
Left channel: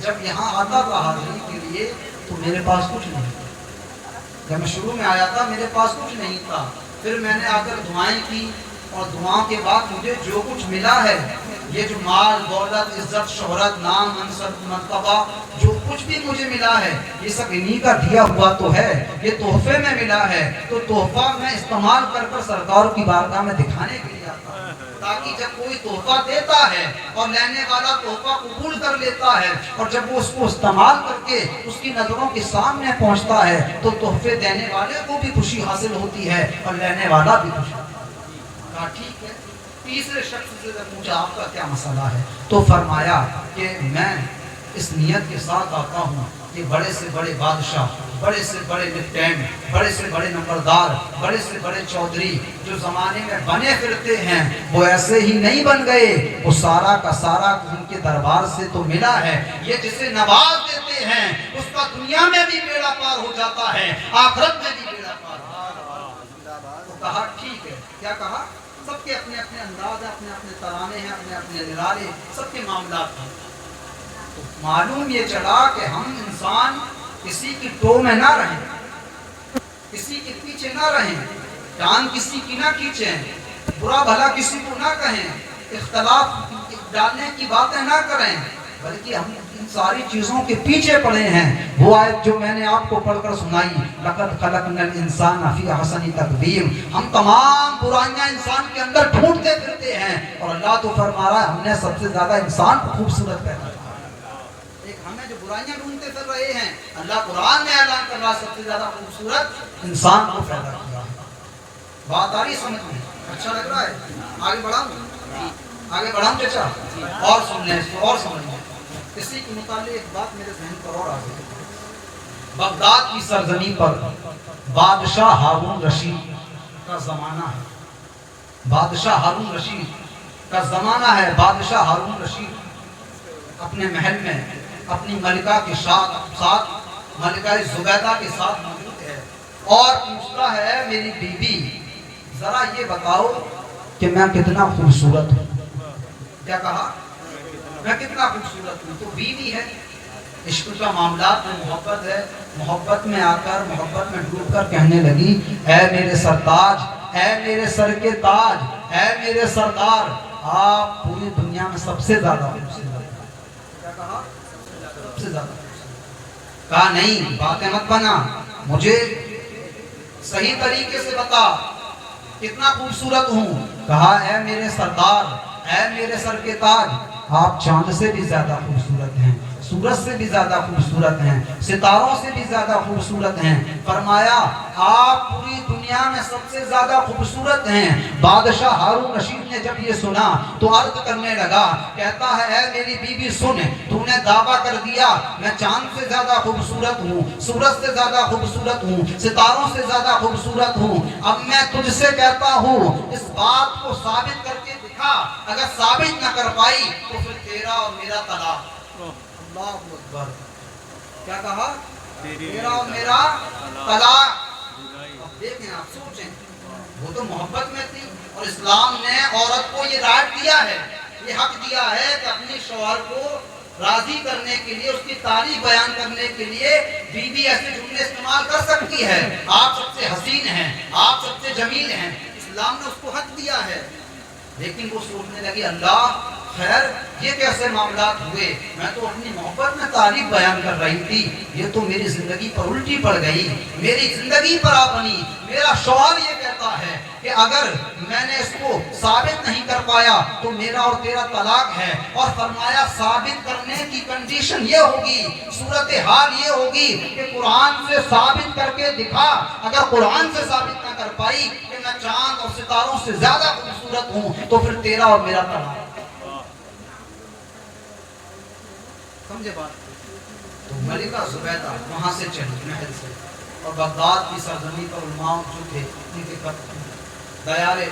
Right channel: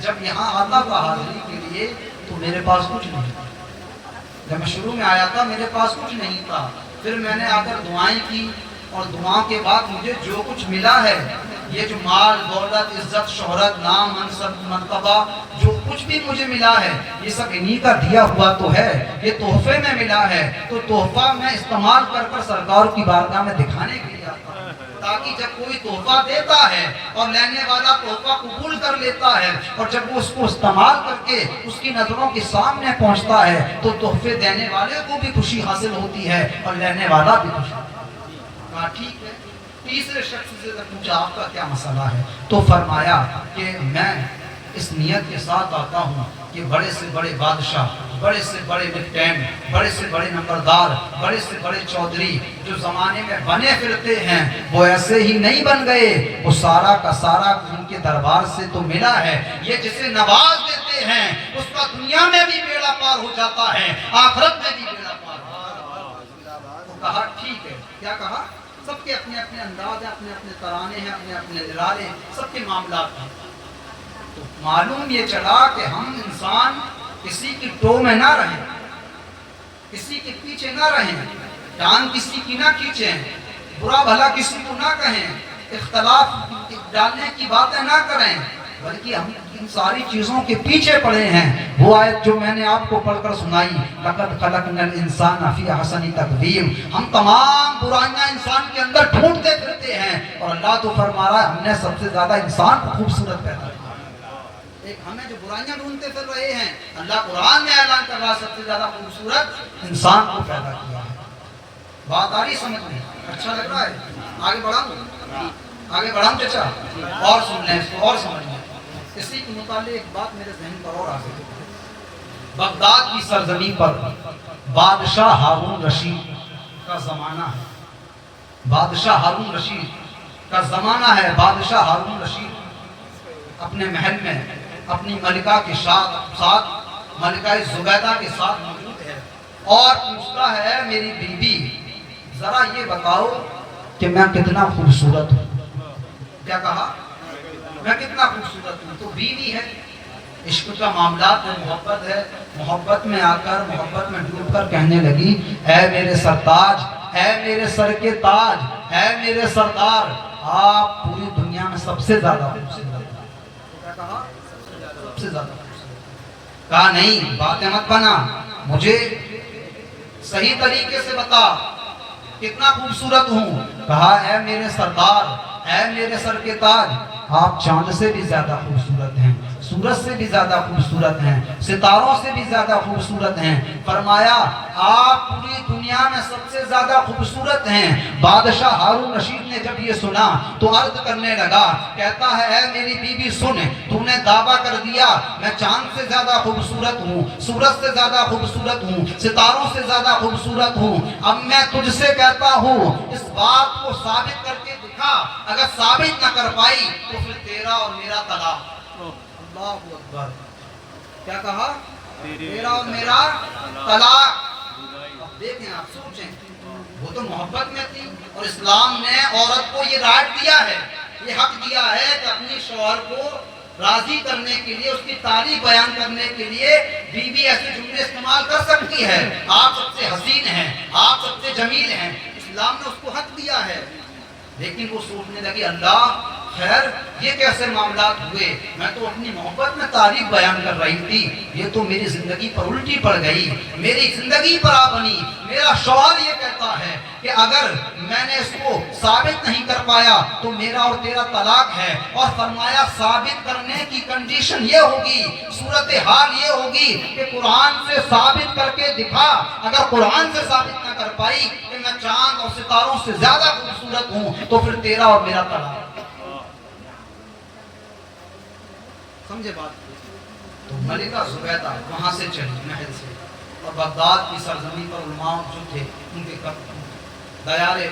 جب یہاں آتا تھا حاضری کے لیے تو میرے پاس کچھ نہیں تھا، جب میں شروع میں آیا تھا میرے پاس کچھ نہیں تھا، پھر میں نے آ کر دعائیں کی، اور دعاؤں کے بعد مجھے جو کچھ ملا ہے، یہ جو مال دولت عزت شہرت نام منصب مرتبہ جو کچھ بھی مجھے ملا ہے، یہ سب انہی کا دیا ہوا تو ہے، یہ تحفے میں ملا ہے، تو تحفہ میں استعمال کر سرکار کی بارگاہ میں دکھانے کے لیے آتا ہوں، تاکہ جب کوئی تحفہ دیتا ہے اور لینے والا تحفہ قبول کر لیتا ہے، اور جب وہ اس کو استعمال کر کے اس کی نظروں کے سامنے پہنچتا ہے، تو تحفے دینے والے کو بھی خوشی حاصل ہوتی ہے اور لینے والا بھی خوشی. کہا ٹھیک ہے. تیسرے شخص سے پوچھا آپ کا کیا مسئلہ ہے؟ تو فرمایا کہ میں اس نیت کے ساتھ آتا ہوں کہ بڑے سے بڑے بادشاہ، بڑے سے بڑے لیفٹیننٹ، بڑے سے بڑے نمبردار، بڑے سے بڑے چودھری جو زمانے میں بنے پھرتے ہیں، وہ ایسے ہی نہیں بن گئے، وہ سارا کا سارا ان کے دربار سے تو ملا ہے. یہ جسے نواز دیتے ہیں اس کا دنیا میں بھی بیڑا پار ہو جاتا ہے، آخرت میں بھی بیڑا پار ہو جاتا ہے. تو کہا ٹھیک ہے. کیا کہا؟ سب کے اپنے اپنے انداز ہیں، اپنے اپنے ترانے ہیں، اپنے اپنے ارادے ہیں، سب کے معاملات ہیں. تو معلوم یہ چلا کہ ہم انسان کسی کی ٹو میں نہ رہیں، کسی کے پیچھے نہ رہیں، ٹانگ کسی کی نہ کھینچیں، برا بھلا کسی کو نہ کہیں، اختلاف ڈالنے کی باتیں نہ کریں، بلکہ ہم ان ساری چیزوں کے پیچھے پڑے ہیں. وہ آیت جو میں نے آپ کو پڑھ کر سنائی، لَقَدْ خَلَقْنَا الْإِنسَانَ فِي أَحْسَنِ تَقْوِيمٍ، ہم تمام برائیاں انسان کے اندر ڈھونڈتے پھرتے ہیں، اور اللہ تو فرما رہا ہے ہم نے سب سے زیادہ انسان کو خوبصورت پیدا کیا. ایک ہمیں جو برائیاں ڈھونڈتے پھر رہے ہیں، اللہ قرآن میں اعلان کر رہا ہے سب سے زیادہ خوبصورت انسان کو پیدا کیا ہے. بات آ رہی سمجھ میں؟ اچھا لگ رہا ہے؟ آگے بڑھاؤں؟ آگے بڑھاؤں چچا؟ اور سن لیں اس کو اور سمجھ لیں. اسی کے متعلق ایک بات میرے ذہن پر اور آ گئی. بغداد کی سرزمین پر بادشاہ ہارون رشید کا زمانہ ہے. بادشاہ ہارون رشید کا زمانہ ہے. بادشاہ ہارون رشید اپنے محل میں اپنی ملکہ کے ساتھ ملکہ زبیدہ کے ساتھ موجود ہے اور پوچھتا ہے میری بیوی ذرا یہ بتاؤ کہ میں کتنا خوبصورت ہوں. کیا کہا؟ میں کتنا خوبصورت ہوں. تو بیوی ہے، عشق کا معاملات میں محبت ہے، محبت میں آ کر محبت میں ڈوب کر کہنے لگی اے میرے سرتاج، اے میرے سر کے تاج، اے میرے سردار، آپ پوری دنیا میں سب سے زیادہ خوبصورت. کیا کہا؟ سب سے زیادہ خوبصورت. کہا نہیں باتیں مت بنا، مجھے صحیح طریقے سے بتا کتنا خوبصورت ہوں. کہا اے میرے سردار، اے میرے سر کے تاج، آپ چاند سے بھی زیادہ خوبصورت ہیں، سورج سے بھی زیادہ خوبصورت ہیں، ستاروں سے بھی زیادہ خوبصورت ہیں. فرمایا آپ پوری دنیا میں سب سے زیادہ خوبصورت ہیں. بادشاہ ہارون رشید نے جب یہ سنا تو عرض کرنے لگا، کہتا ہے اے میری بیوی سن، تو نے دعویٰ کر دیا میں چاند سے زیادہ خوبصورت ہوں، سورج سے زیادہ خوبصورت ہوں، ستاروں سے زیادہ خوبصورت ہوں. اب میں تجھ سے کہتا ہوں اس بات کو ثابت کر کے دکھا. اگر ثابت نہ کر پائی تو پھر تیرا اور میرا طلاق. اللہ اکبر. کیا کہا؟ تیرا اور میرا طلاق. دیکھیں آپ سوچیں، وہ تو محبت میں تھی اور اسلام نے عورت کو یہ رائٹ دیا ہے، یہ حق دیا ہے کہ اپنی شوہر کو راضی کرنے کے لیے، اس کی تعریف بیان کرنے کے لیے بیوی ایسے جملے استعمال کر سکتی ہے. آپ سب سے حسین ہیں، آپ سب سے جمیل ہیں، اسلام نے اس کو حق دیا ہے. لیکن وہ سوچنے لگی اللہ خیر یہ کیسے معاملات ہوئے، میں تو اپنی محبت میں تعریف بیان کر رہی تھی، یہ تو میری زندگی پر الٹی پڑ گئی، میری زندگی پر آ بنی. میرا شوہر یہ کہتا ہے کہ اگر میں نے اس کو ثابت نہیں کر پایا تو میرا اور تیرا طلاق ہے. اور فرمایا ثابت کرنے کی کنڈیشن یہ ہوگی، صورتحال یہ ہوگی کہ قرآن سے ثابت کر کے دکھا. اگر قرآن سے ثابت نہ کر پائی کہ میں چاند اور ستاروں سے زیادہ خوبصورت ہوں تو پھر تیرا اور میرا طلاق. سمجھے بات؟ تو ملکہ زبیدہ وہاں سے چلی محل سے اور بغداد کی سرزمین پر علماء جو تھے ان کے دیارے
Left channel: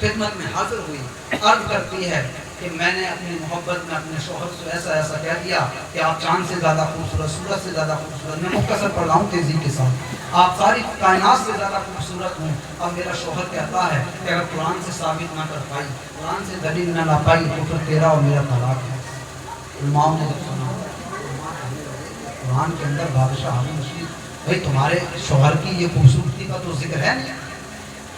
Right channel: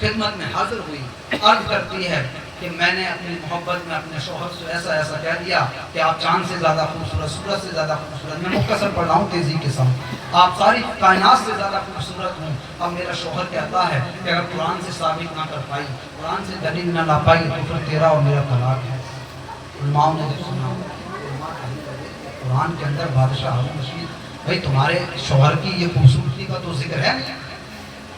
خدمت میں حاضر ہوئی. عرض کرتی ہے کہ میں نے اپنی محبت میں اپنے شوہر سے ایسا ایسا کہہ دیا کہ آپ چاند سے زیادہ خوبصورت، سورج سے زیادہ خوبصورت. میں مختصر پڑھ رہا ہوں تیزی کے ساتھ. آپ ساری کائنات سے زیادہ خوبصورت ہوں. اب میرا شوہر کہتا ہے کہ اگر قرآن سے ثابت نہ کر پائی، قرآن سے دلیل نہ لا پائی تو پھر تیرا اور میرا طلاق ہے. علماء نے جب سنا قرآن کے اندر بادشاہ ہارون رشید بھائی تمہارے شوہر کی یہ خوبصورتی کا تو ذکر ہے نہیں،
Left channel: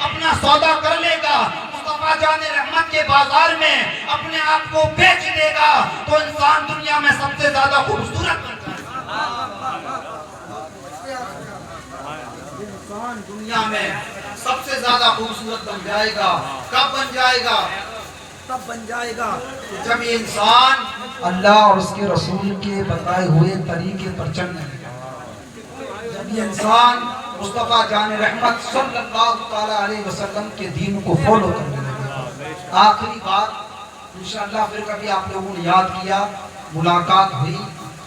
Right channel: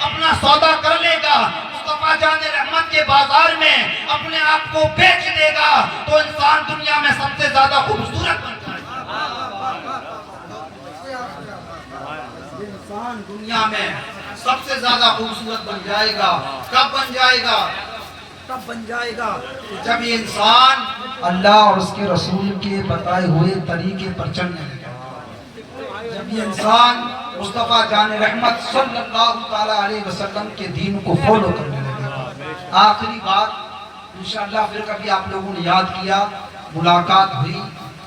اپنا سودا کر لے گا, مصطفیٰ جان رحمت کے بازار میں اپنے آپ کو بیچ دے گا, تو انسان دنیا میں سب سے زیادہ خوبصورت بن جائے گا. انسان دنیا میں سب سے زیادہ خوبصورت بن جائے گا. کب بن جائے گا؟ تب بن جائے گا جب یہ انسان اللہ اور اس کے رسول کے بتائے ہوئے طریقے پر چلنے لگے, جب یہ انسان مصطفیٰ جان رحمت صلی اللہ تعالی علیہ وسلم کے دین کو فالو کرنے لگے. آخری بات انشاءاللہ پھر کبھی آپ لوگوں نے یاد کیا, ملاقات ہوئی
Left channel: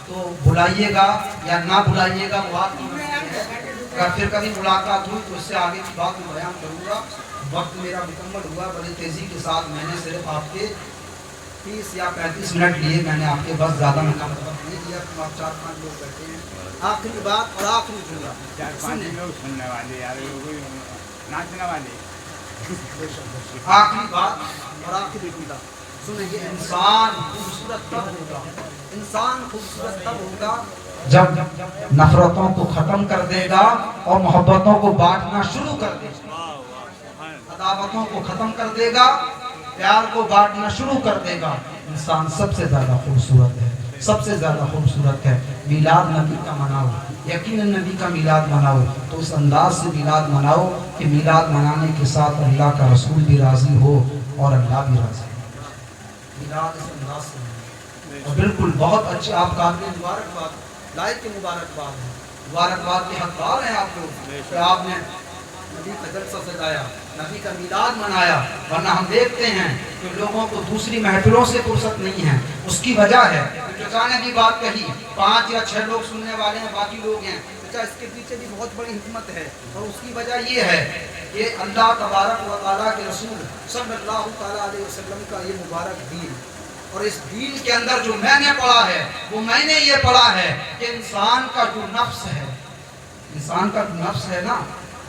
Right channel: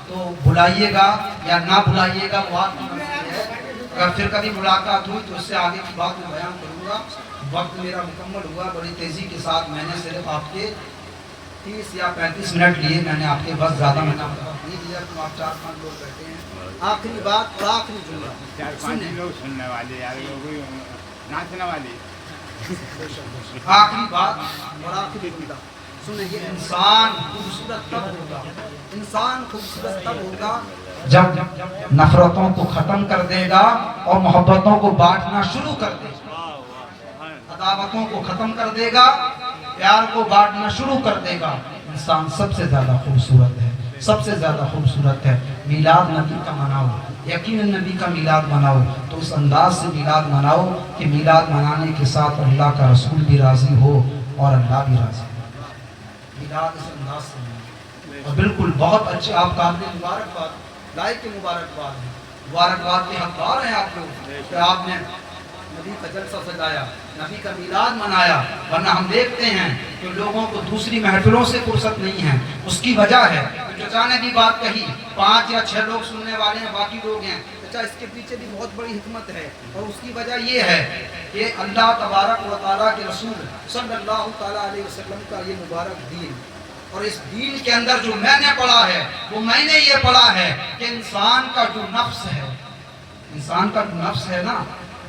تو بلائیے گا یا نہ بلائیے گا, بات ہے. اگر پھر کبھی ملاقات ہوئی تو اس سے آگے کی بات میں بیان کروں گا. وقت میرا مکمل ہوا, بڑی تیزی کے ساتھ میں نے صرف آپ کے 30 یا 35 منٹ لیے, میں نے آپ کے بس زیادہ میں نے وقت نہیں دیا, تو آپ 4-5 لوگ بیٹھے ہیں. آخری بات اور آخری جملہ سننے والے, آخری بات اور آخری جملہ سنیں. یہ انسان خوبصورت تب ہوگا, انسان خوبصورت تب ہوگا جب نفرتوں کو ختم کر دے گا اور محبتوں کو بانٹنا شروع کر دے گا, عداوتوں کو ختم کر دے گا, پیار کو بانٹنا شروع کر دے گا. انسان سب سے زیادہ خوبصورت ہے, سب سے زیادہ خوبصورت ہے. میلاد نبی کا مناؤ, یقیناً نبی کا میلاد مناؤ, تو اس انداز سے میلاد مناؤ کہ میلاد منانے کے ساتھ اللہ کا رسول بھی راضی ہو اور اللہ بھی راضی ہو. میلاد اس انداز سے مناؤ, اور بالکل بہت اچھے آپ قابل مبارکباد, لائق کے مبارکباد ہیں, مبارکباد کے حقدار ہیں آپ لوگ کہ آپ نے نبی کا جلسہ سجایا, نبی کا میلاد منایا. ورنہ ہم دیکھتے ہیں کہ لوگوں کو دوسری محفلوں سے فرصت نہیں ہے. اس کی وجہ ہے چچانے کی بات کہی, 5 یا 6 لوگ سننے والے ہیں, باقی لوگ ہیں. چچا اس کے پیچھے بھی بہت بڑی حکمت ہے, اور اس کی وجہ یہ ہے کہ اللہ تبارک و تعالیٰ کے رسول صلی اللہ تعالیٰ علیہ وسلم کا یہ مبارک دین, اور اس دین کے اندر جو میں نے پڑھا ہے وہ میں نے یہ پڑھا ہے کہ انسان کا جو نفس ہے, انسان کا جو نفس ہے نا,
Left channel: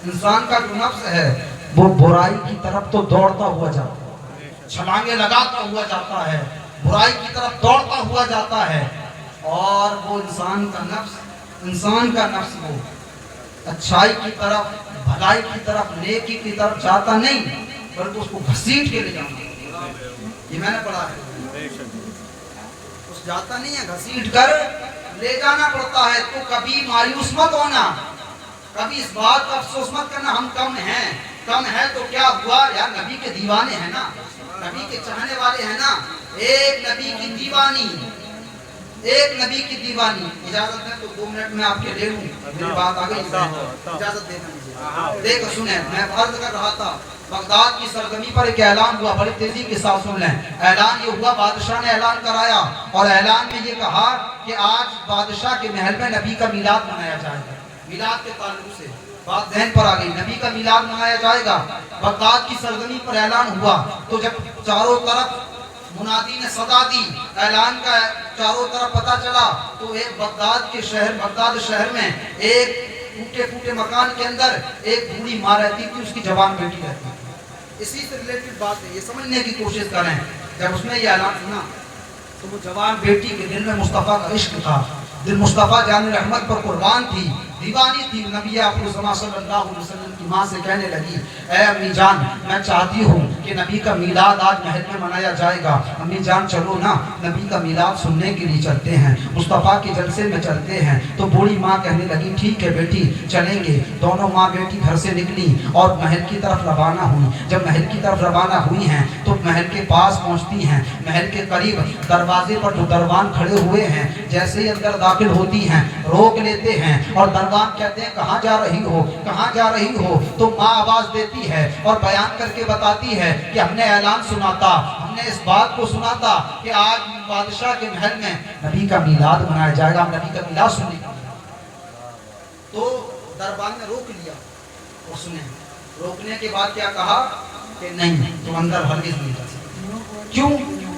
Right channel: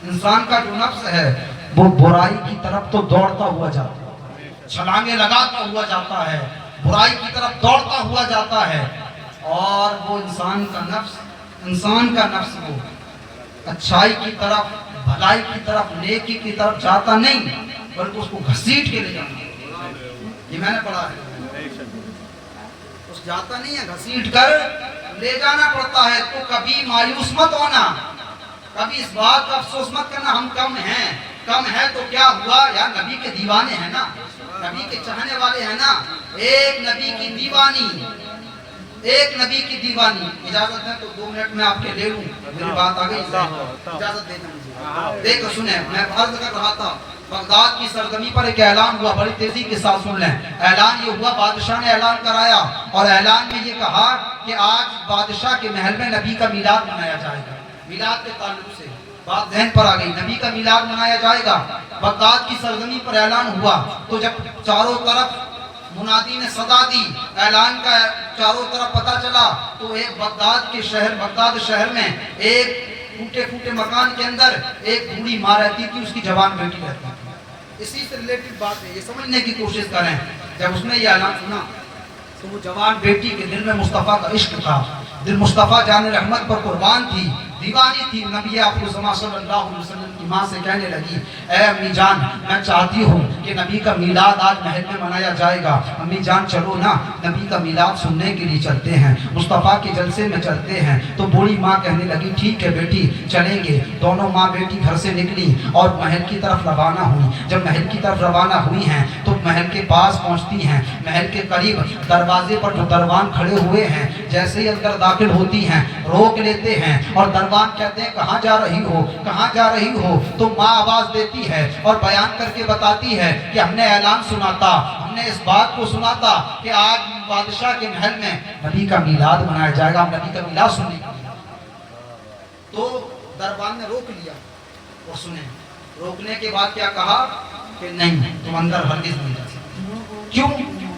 انسان کا جو نفس ہے وہ برائی کی طرف تو دوڑتا ہوا جاتا ہے, چھلانگیں لگاتا ہوا جاتا ہے, برائی کی طرف دوڑتا ہوا جاتا ہے. اور وہ انسان کا نفس وہ اچھائی کی طرف, بھلائی کی طرف, نیکی کی طرف جاتا نہیں, بلکہ اس کو گھسیٹ کے لے جانا. یہ میں نے پڑھا ہے, اس جاتا نہیں ہے, گھسیٹ کر لے جانا پڑتا ہے. تو کبھی مایوس مت ہونا, کبھی اس بات کا افسوس مت کرنا ہم کم ہیں. کم ہے تو کیا ہوا, یا نبی کے دیوانے ہیں نا, نبی کے چاہنے والے ہیں نا. ایک نبی کی دیوانی, ایک نبی کی دیوانی. اجازت ہے تو 2 منٹ میں آپ کے لے لوں, میری بات آ گئی, اجازت دینا مجھے. دیکھو سنیں, میں عرض کر رہا تھا بغداد کی سرزمین پر ایک اعلان ہوا, بڑی تیزی کے ساتھ سن لیں. اعلان یہ ہوا, بادشاہ نے اعلان کرایا, اور اعلان میں یہ کہا کہ آج بادشاہ کے محل میں نبی کا میلاد منایا جائے گا. میلاد کے تعلق سے بات ذہن پر آ گئی, نبی کا میلاد منایا جائے گا. بغداد کی سرزمین پر اعلان ہوا, تو جب چاروں طرف منادی نے صدا دی, اعلان کا چاروں طرف پتہ چلا, تو ایک بغداد شہر میں ایک ٹوٹے مکان کے اندر ایک بوڑھی ماں رہتی تھی, اس کی جوان بیٹی رہتی تھی. اسی سے ریلیٹڈ بات ہے, یہ سمجھنے کی کوشش کریں. جب اس نے یہ اعلان سنا تو وہ جوان بیٹی کے دل میں مصطفیٰ کا عشق تھا, دل مصطفیٰ جان رحمت پر قربان تھی, دیوانی تھی. نبی اکرم صلی اللہ علیہ وسلم کی ماں سے کہنے لگی, اے امی جان, میں چاہتی ہوں کہ نبی کا میلاد آج محل میں منایا جائے گا. امی جان چلو نا, نبی کا میلاد سننے کے لیے چلتے ہیں, مصطفیٰ کے جلسے میں چلتے ہیں. تو بوڑھی ماں کہنے لگی, ٹھیک ہے بیٹی چلیں گے. دونوں ماں بیٹی گھر سے نکلی اور محل کی طرف روانہ ہوئی. جب محل کی طرف روانہ ہوئی ہیں تو محل کے پاس پہنچتی ہیں. محل کے قریب دروازے پر جو دربان کھڑے ہوئے ہیں, جیسے ہی اندر داخل ہوتی ہیں روک لیتے ہیں, اور دربان کہتے ہیں, کہاں جا رہی ہو, کہاں جا رہی ہو. تو ماں آواز دیتی ہے اور بیان کر کے بتاتی ہے کہ ہم نے اعلان سنا تھا, ہم نے اس بات کو سنا تھا کہ آج بادشاہ کے محل میں نبی کا میلاد منایا جائے گا, ہم نبی کا میلاد سننے کے لیے. تو دربان نے روک لیا, اور سنیں, روکنے کے بعد کیا کہا کہ نہیں, تم اندر ہرگز نہیں جا سکتے. کیوں؟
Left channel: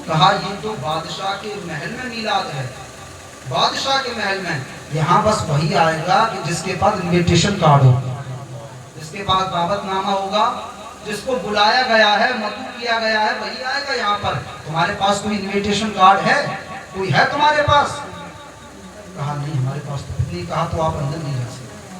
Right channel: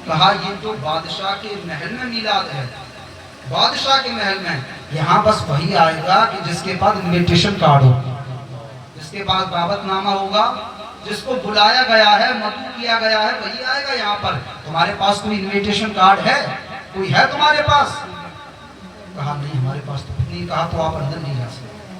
کہا یہ تو بادشاہ کے محل میں میلاد ہے, بادشاہ کے محل میں. یہاں بس وہی آئے گا کہ جس کے پاس انویٹیشن کارڈ ہوگا, جس کے پاس دعوت نامہ ہوگا, جس کو بلایا گیا ہے, مدعو کیا گیا ہے, وہی آئے گا یہاں پر. تمہارے پاس کوئی انویٹیشن کارڈ ہے, کوئی ہے تمہارے پاس؟ کہا نہیں ہمارے پاس تو نہیں. کہا تو آپ اندر نہیں جا سکتے.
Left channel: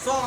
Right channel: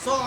100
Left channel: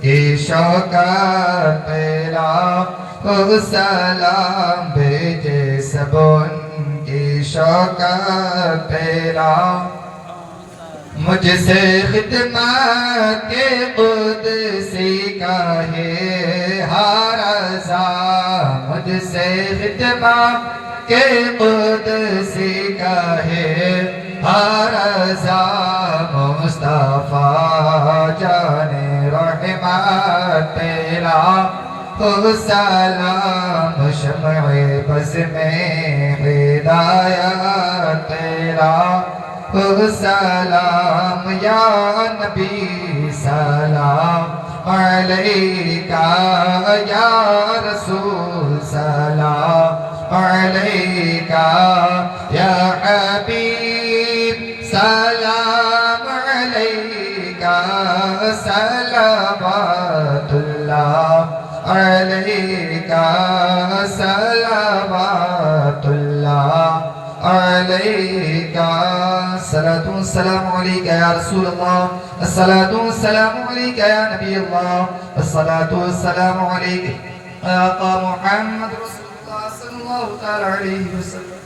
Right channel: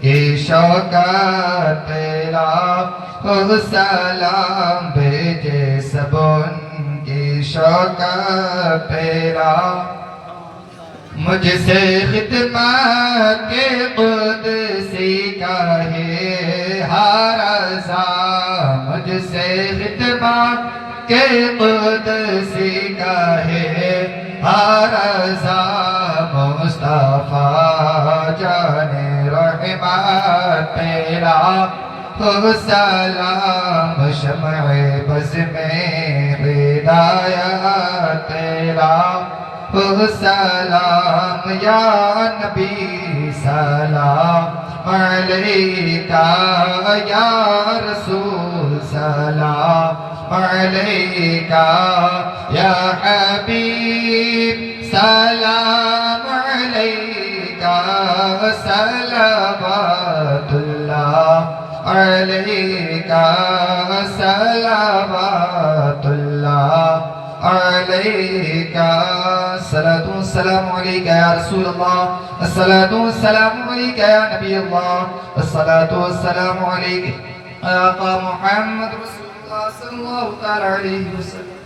کی شوکت پہ لاکھوں سلام بھیجے سب ان کی شوکت پہ لاکھوں مجھ سے خدمت کے قدسی کا ہے ہر رضا مجھ سے خدمت کے قدسی کا ہے ہر رضا مصطفیٰ جان رحمت تیرا تو سلام شمع بز میں ہدایت تیرا سلام یا نبی سلام علیکہ یا رسول سلام علیکہ یا حبیب سلام علیکہ صلوات اللہ علیکہ صلوات اللہ علیکہ الصلاة والسلام علیکہ یا رسول اللہ الصلاة والسلام علیکہ یا نبی اللہ الصلاة والسلام علیکہ یا آقا محمد رسول اللہ صلی اللہ تعالی علیہ وسلم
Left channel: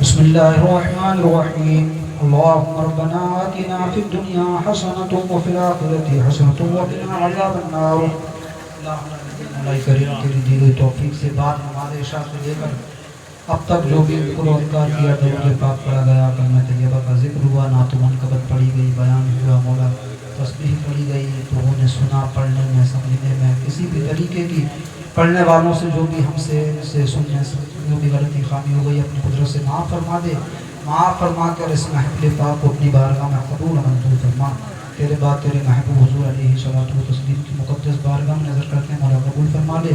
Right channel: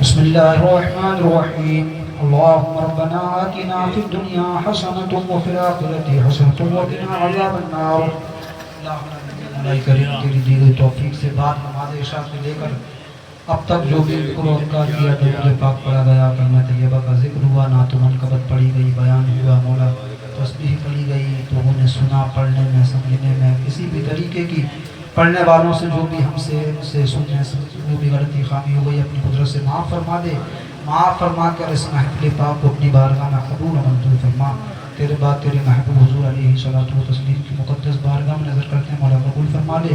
بسم اللہ الرحمن الرحیم اللهم ربنا آتنا في الدنيا حسنة وفي الآخرة حسنة وقنا عذاب النار مولا کریم تیری دی گئی توفیق سے بعد نماز عشاء سے لے کر اب تک جو بھی ذکر و اذکار کیا درود پاک پڑھا گیا کلمہ طیبہ کا ذکر ہوا نعت و منقبت پڑھی گئی بیان ہوا مولا تسبیح پڑھی گئی تو انہیں سنا پڑھنے میں سمجھنے میں کسی بھی طریقے کی پڑھنے والوں سے جو بھی ہم سے سننے سے جو بھی غلطی خامی ہو گئی اپنی قدرت سے معاف فرما دے معاف فرما کر اس محفل پاک کو اپنی بارگاہ میں قبول منظور فرما تیرے بعد تیرے محبوب حضور علیہ صلاۃ و تسلیم کی مقدس بارگاہ میں نظر کرتے ہیں مولا قبول فرما لے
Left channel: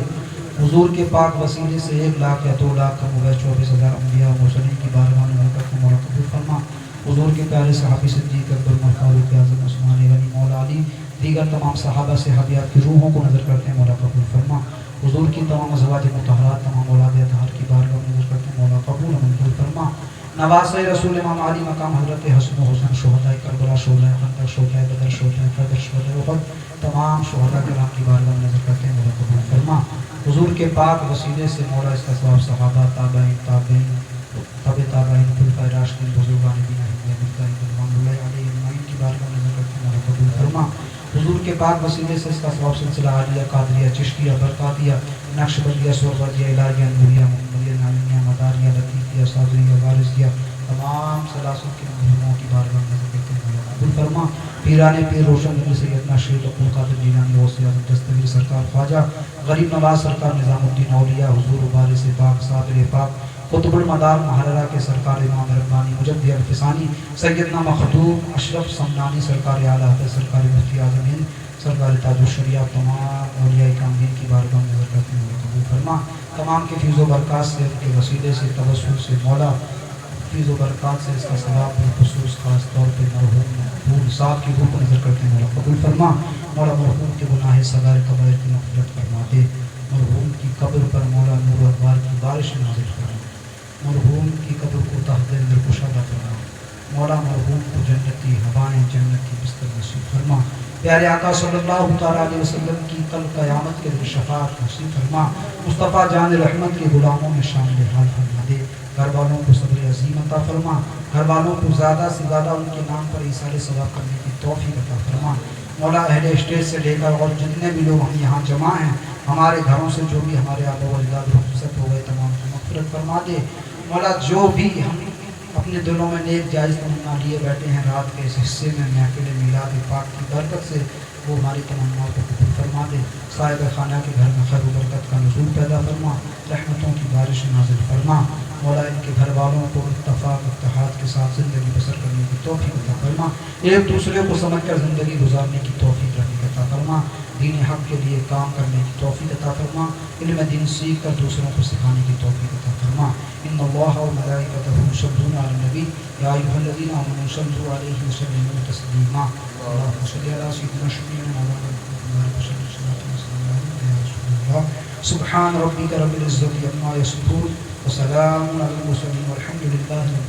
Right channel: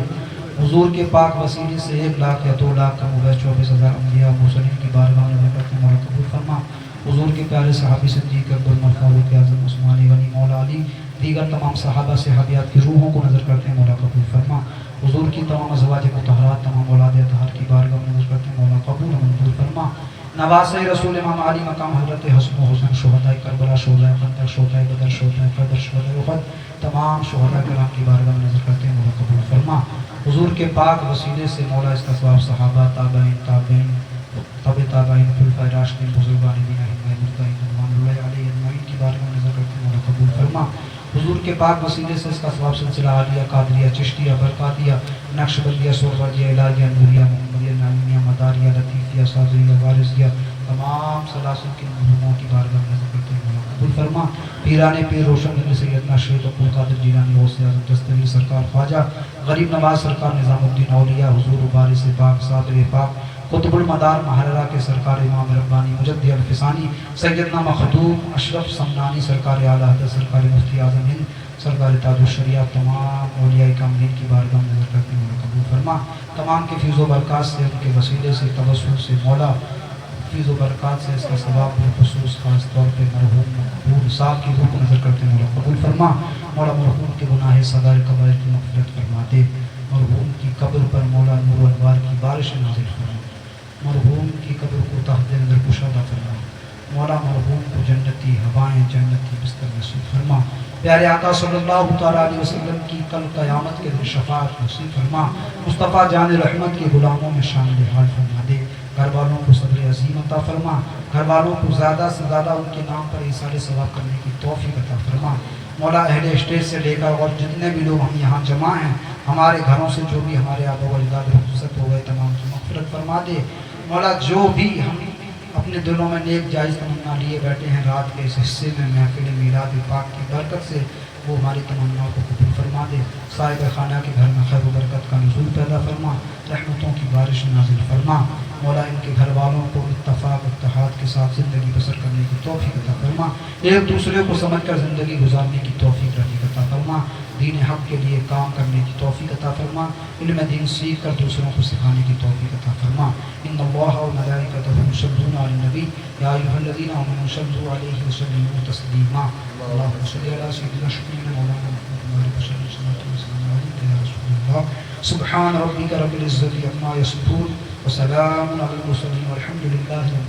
حضور کے پاک وسیلے سے 1 لاکھ یا 2 لاکھ کم ہوئے 24,000 انبیاء مرسلین کی بارگاہ میں نظر کرتے ہیں مولا قبول فرما حضور کے پیارے صحابی صدیق اکبر عمر فاروق اعظم عثمان غنی مولا علی دیگر تمام صحابہ صحابیات کی روحوں کو نظر کرتے ہیں مولا قبول فرما حضور کی تمام ازواج مطہرات تمام اولاد اطہار کی بارگاہ میں نظر کرتے ہیں مولا قبول منظور فرما نواسۂ رسول امام علی مقام حضرت حسن و حسین شہداء کربلا شہداء خندق شہداء بدر شہداء بدر شہداء احد تمام شہداء کرام کی بارگاہ میں نظر کرتے ہیں مولا قبول فرما حضور کے پاک وسیلے سے مولا اس کا ثواب صحابہ تابعین تابعین تابعین خلفائے راشدین بزرگان دین ائمہ مجتہدین رضوان اللہ علیہم اجمعین کی بارگاہ میں نظر کرتے ہیں مولا قبول فرما حضور کے پاک وسیلے سے اس کا ثواب سلسلہ عالیہ قادریہ چشتیہ برقاتیہ نقشبندیہ سہروردیہ الہیہ نوریہ محمدیہ نعیمیہ مداریہ لطیفیہ صادریہ وارثیہ تمام سلاسل کے مہموں کی بارگاہ میں نظر کرتے ہیں مولا قبول فرما پیران پیر روشن گنج سیدنا شیخ عبد القادر جیلانی غوث اعظم دستگیر سرکار خواجہ غریب نواز سرکار نظام الدین اولیاء حضور وارث پاک صادر پاک قطب المدار محررہ کے سرکار امام ربانی مجدد الفسانی سیدنا مخدوم اشرف سمنانی سرکار اعلیٰ حضرت سرکار مفتی اعظم ہند سرکار تاج الشریعہ تمام اولیاء کاملین کی بارگاہ میں نظر کرتے ہیں مولا قبول فرما تمام کے فیض و برکات سے ان کے وسیلے سے توسل سے مولا فیض و برکات سے اس کا ثواب بالخصوص خاص طور پہ مرحوم مقبول صاحب کی روح کو نظر کرتے ہیں مولا قبول فرما مولا مرحوم کے گناہ صغائر کبائر کی مغفرت فرما دے مرحوم کی قبر پر مولا نور و انوار کی بارش نازل فرما مرحوم کی قبر کو تحت اندر کشادہ فرما مولا مرحوم کو جنتی ہوائیں جنتی بستر نصیب فرما پیارے آقا صلی اللہ تعالیٰ علیہ وسلم کی کل قیامت کے دن شفاعت نصیب فرما مصطفیٰ جان رحمت کے غلاموں میں شامل حال فرما دے گھر والوں کو صبر عظیم عطا فرما گھر والوں کو زیادہ سے زیادہ ان کے نام پر ایثار ثواب کرنے کی توفیق عطا فرما مولا اہل اسٹیٹ سے لے کر اور جتنے بھی لوگ ہم یہاں جمع ہیں ہمارے گھروں سے جو بھی ہمارے آبا و اجداد رخصت ہو گئے تمام کی مغفرت فرما دے مولا جو بھی ہم اپنے دلوں میں نیک جائز تمنا لیے بیٹھے ہیں رات کے اس حصے میں محفل میلاد پاک کی برکت سے وہ ہماری تمناؤں کو قبول فرما دے صاحب خانہ کے گھر میں خیر و برکت کا نزول پیدا فرما رحمتوں کی بارش نازل فرما مولا ان کے گھر والوں کو اتفاق اتحاد کے ساتھ زندگی بسر کرنے کی توفیق عطا فرما ایک دوسرے کو سمجھ کر زندگی گزارنے کی توفیق عطا فرما دین حق کے لیے کام کرنے کی توفیق عطا فرما علم دین سیکھ کر دوسروں کو سکھانے کی توفیق عطا فرما ان اللہ و ملائکتہ یصلون علی النبی یا ایھا الذین آمنوا صلوا علیہ وسلموا تسلیما اللهم صل علی سیدنا مولانا محمد وعلی آلہ وصحبہ وسلم یا رسول اللہ سبحان ربک رب العزت عما یصفون وسلام علی المرسلین والحمد للہ رب